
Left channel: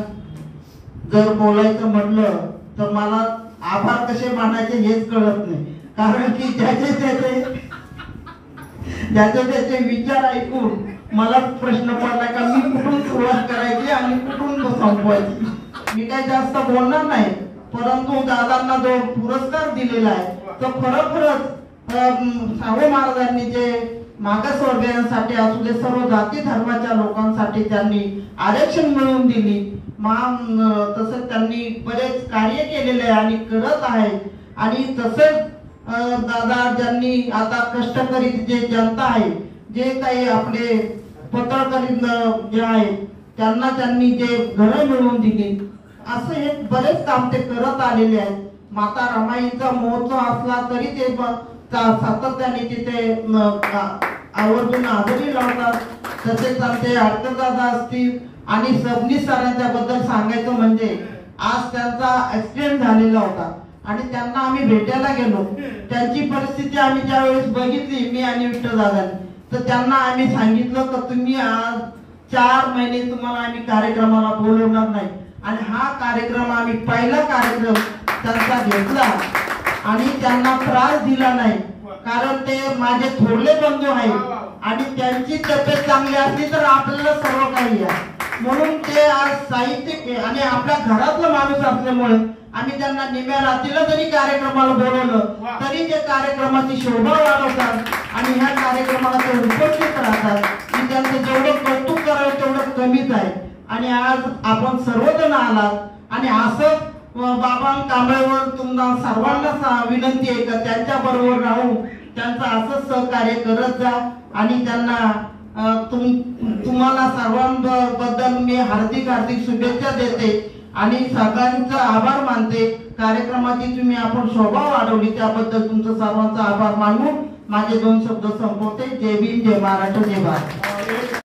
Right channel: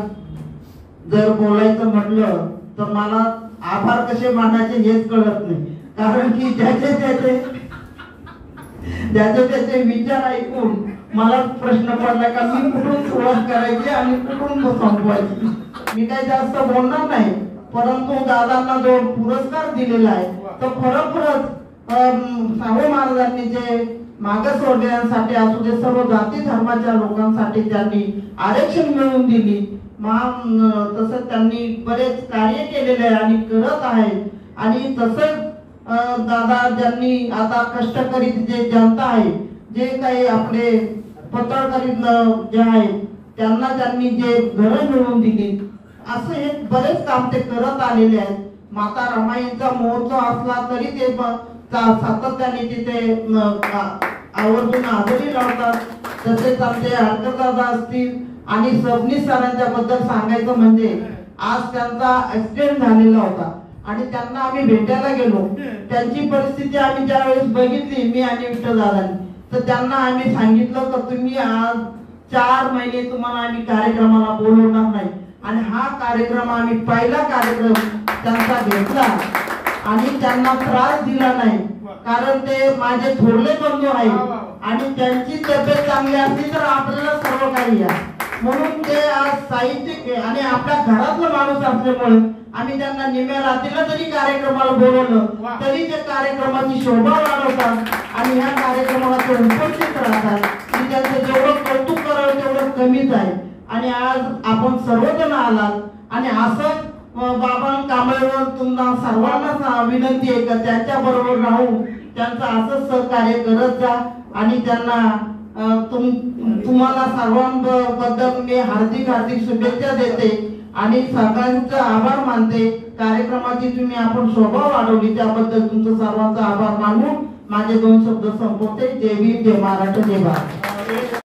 जर बोलायचं म्हटलं तर मला आभार कसे मानायचे हेच कळत नाही, कारण की त्याचे विचार ऐकून मला प्रश्न पडला का मी कुठून सुरुवात करायची आणि कुठून संपवायची. मी काही जास्त बोलणार नाही, परंतु दादांना जो पुरस्कार दिलेला आहे तो खरोखरच शाहू महाराजांनी जे मागासवर्गीयांसाठी असू दे, सर्व जाती धर्माच्या लोकांसाठी त्यांनी आरक्षण मिळवून दिली, तसंच त्यांनी बरेच कार्य केलेले आहे आणि करत आहे. आणि तसंच दादा ज्यांनी आता कष्टकरी जे जनता आहे, जे काही आपले पत्रकारी जे आहेत त्यांना त्यांनी जे घरं मिळवून दिली, असं हे बरेच काम ते करत आलेले आहेत. माता रमाईचा महोत्सव असला तरी ते सातत्याने तिथे आवर्जून हजेरी लावतात. तसेच आमचे आडकर दादा असतील आणि सबनीस सरांच्या बद्दल सांगायचं म्हणजे आज त्यांचा ऍक्सिडेंट झालेला होता आणि त्यांना आम्ही भेटायला गेलो. त्यांची परिस्थिती आम्ही ज्यावेळेस बघितली, मी आणि विठ्ठल दादांनी, तर त्यांना आम्ही सांगितलं तर तुम्ही आज 4 महिने तुम्हाला आम्ही कार्यक्रमाला बोलवणार नाही. आणि हा कार्यक्रम आम्ही पहिला कार्यक्रम त्यांचा घेतला आणि त्यांना त्रास दिला नाही, कारण ते माझे थोरले बंधू आहेत आणि त्यांची तब्येत चांगली असली तर आपल्याला सर्व काही आहे. म्हणून ते आज साहित्य आणि आपल्या घरातला माणूस असल्यामुळे आम्ही त्यांना निम्या रात्रीला जरी कार्यक्रमाला बोलवलं तरी ते कार्यक्रमाची शोभा वाढवतात आणि ह्या कार्यक्रमाला ते उपस्थित राहतात. की त्यांचं जेवढं कौतुक करावं तेवढं कमीच आहे. आणि आज आपण सर्वजण आलात आणि असंच बाबा कांबळेवर तुम्हाला सर्वांना विनंती आहे का त्यांच्या बरोबर राहून त्यांचं असंच सहकार्य करत जा. आणि त्यांना तुम्हाला सर्वांबद्दल मी हार्दिक शुभेच्छा देते आणि सगळ्यांचा आभार मानते. कार्यक्रमाची तुम्ही आपण शोभा वाढवली त्याबद्दल तुमचं सर्वांचा आभार मानून माझे 2 शब्द संपवते. जय भीम, जय महाराष्ट्र, जय भारत.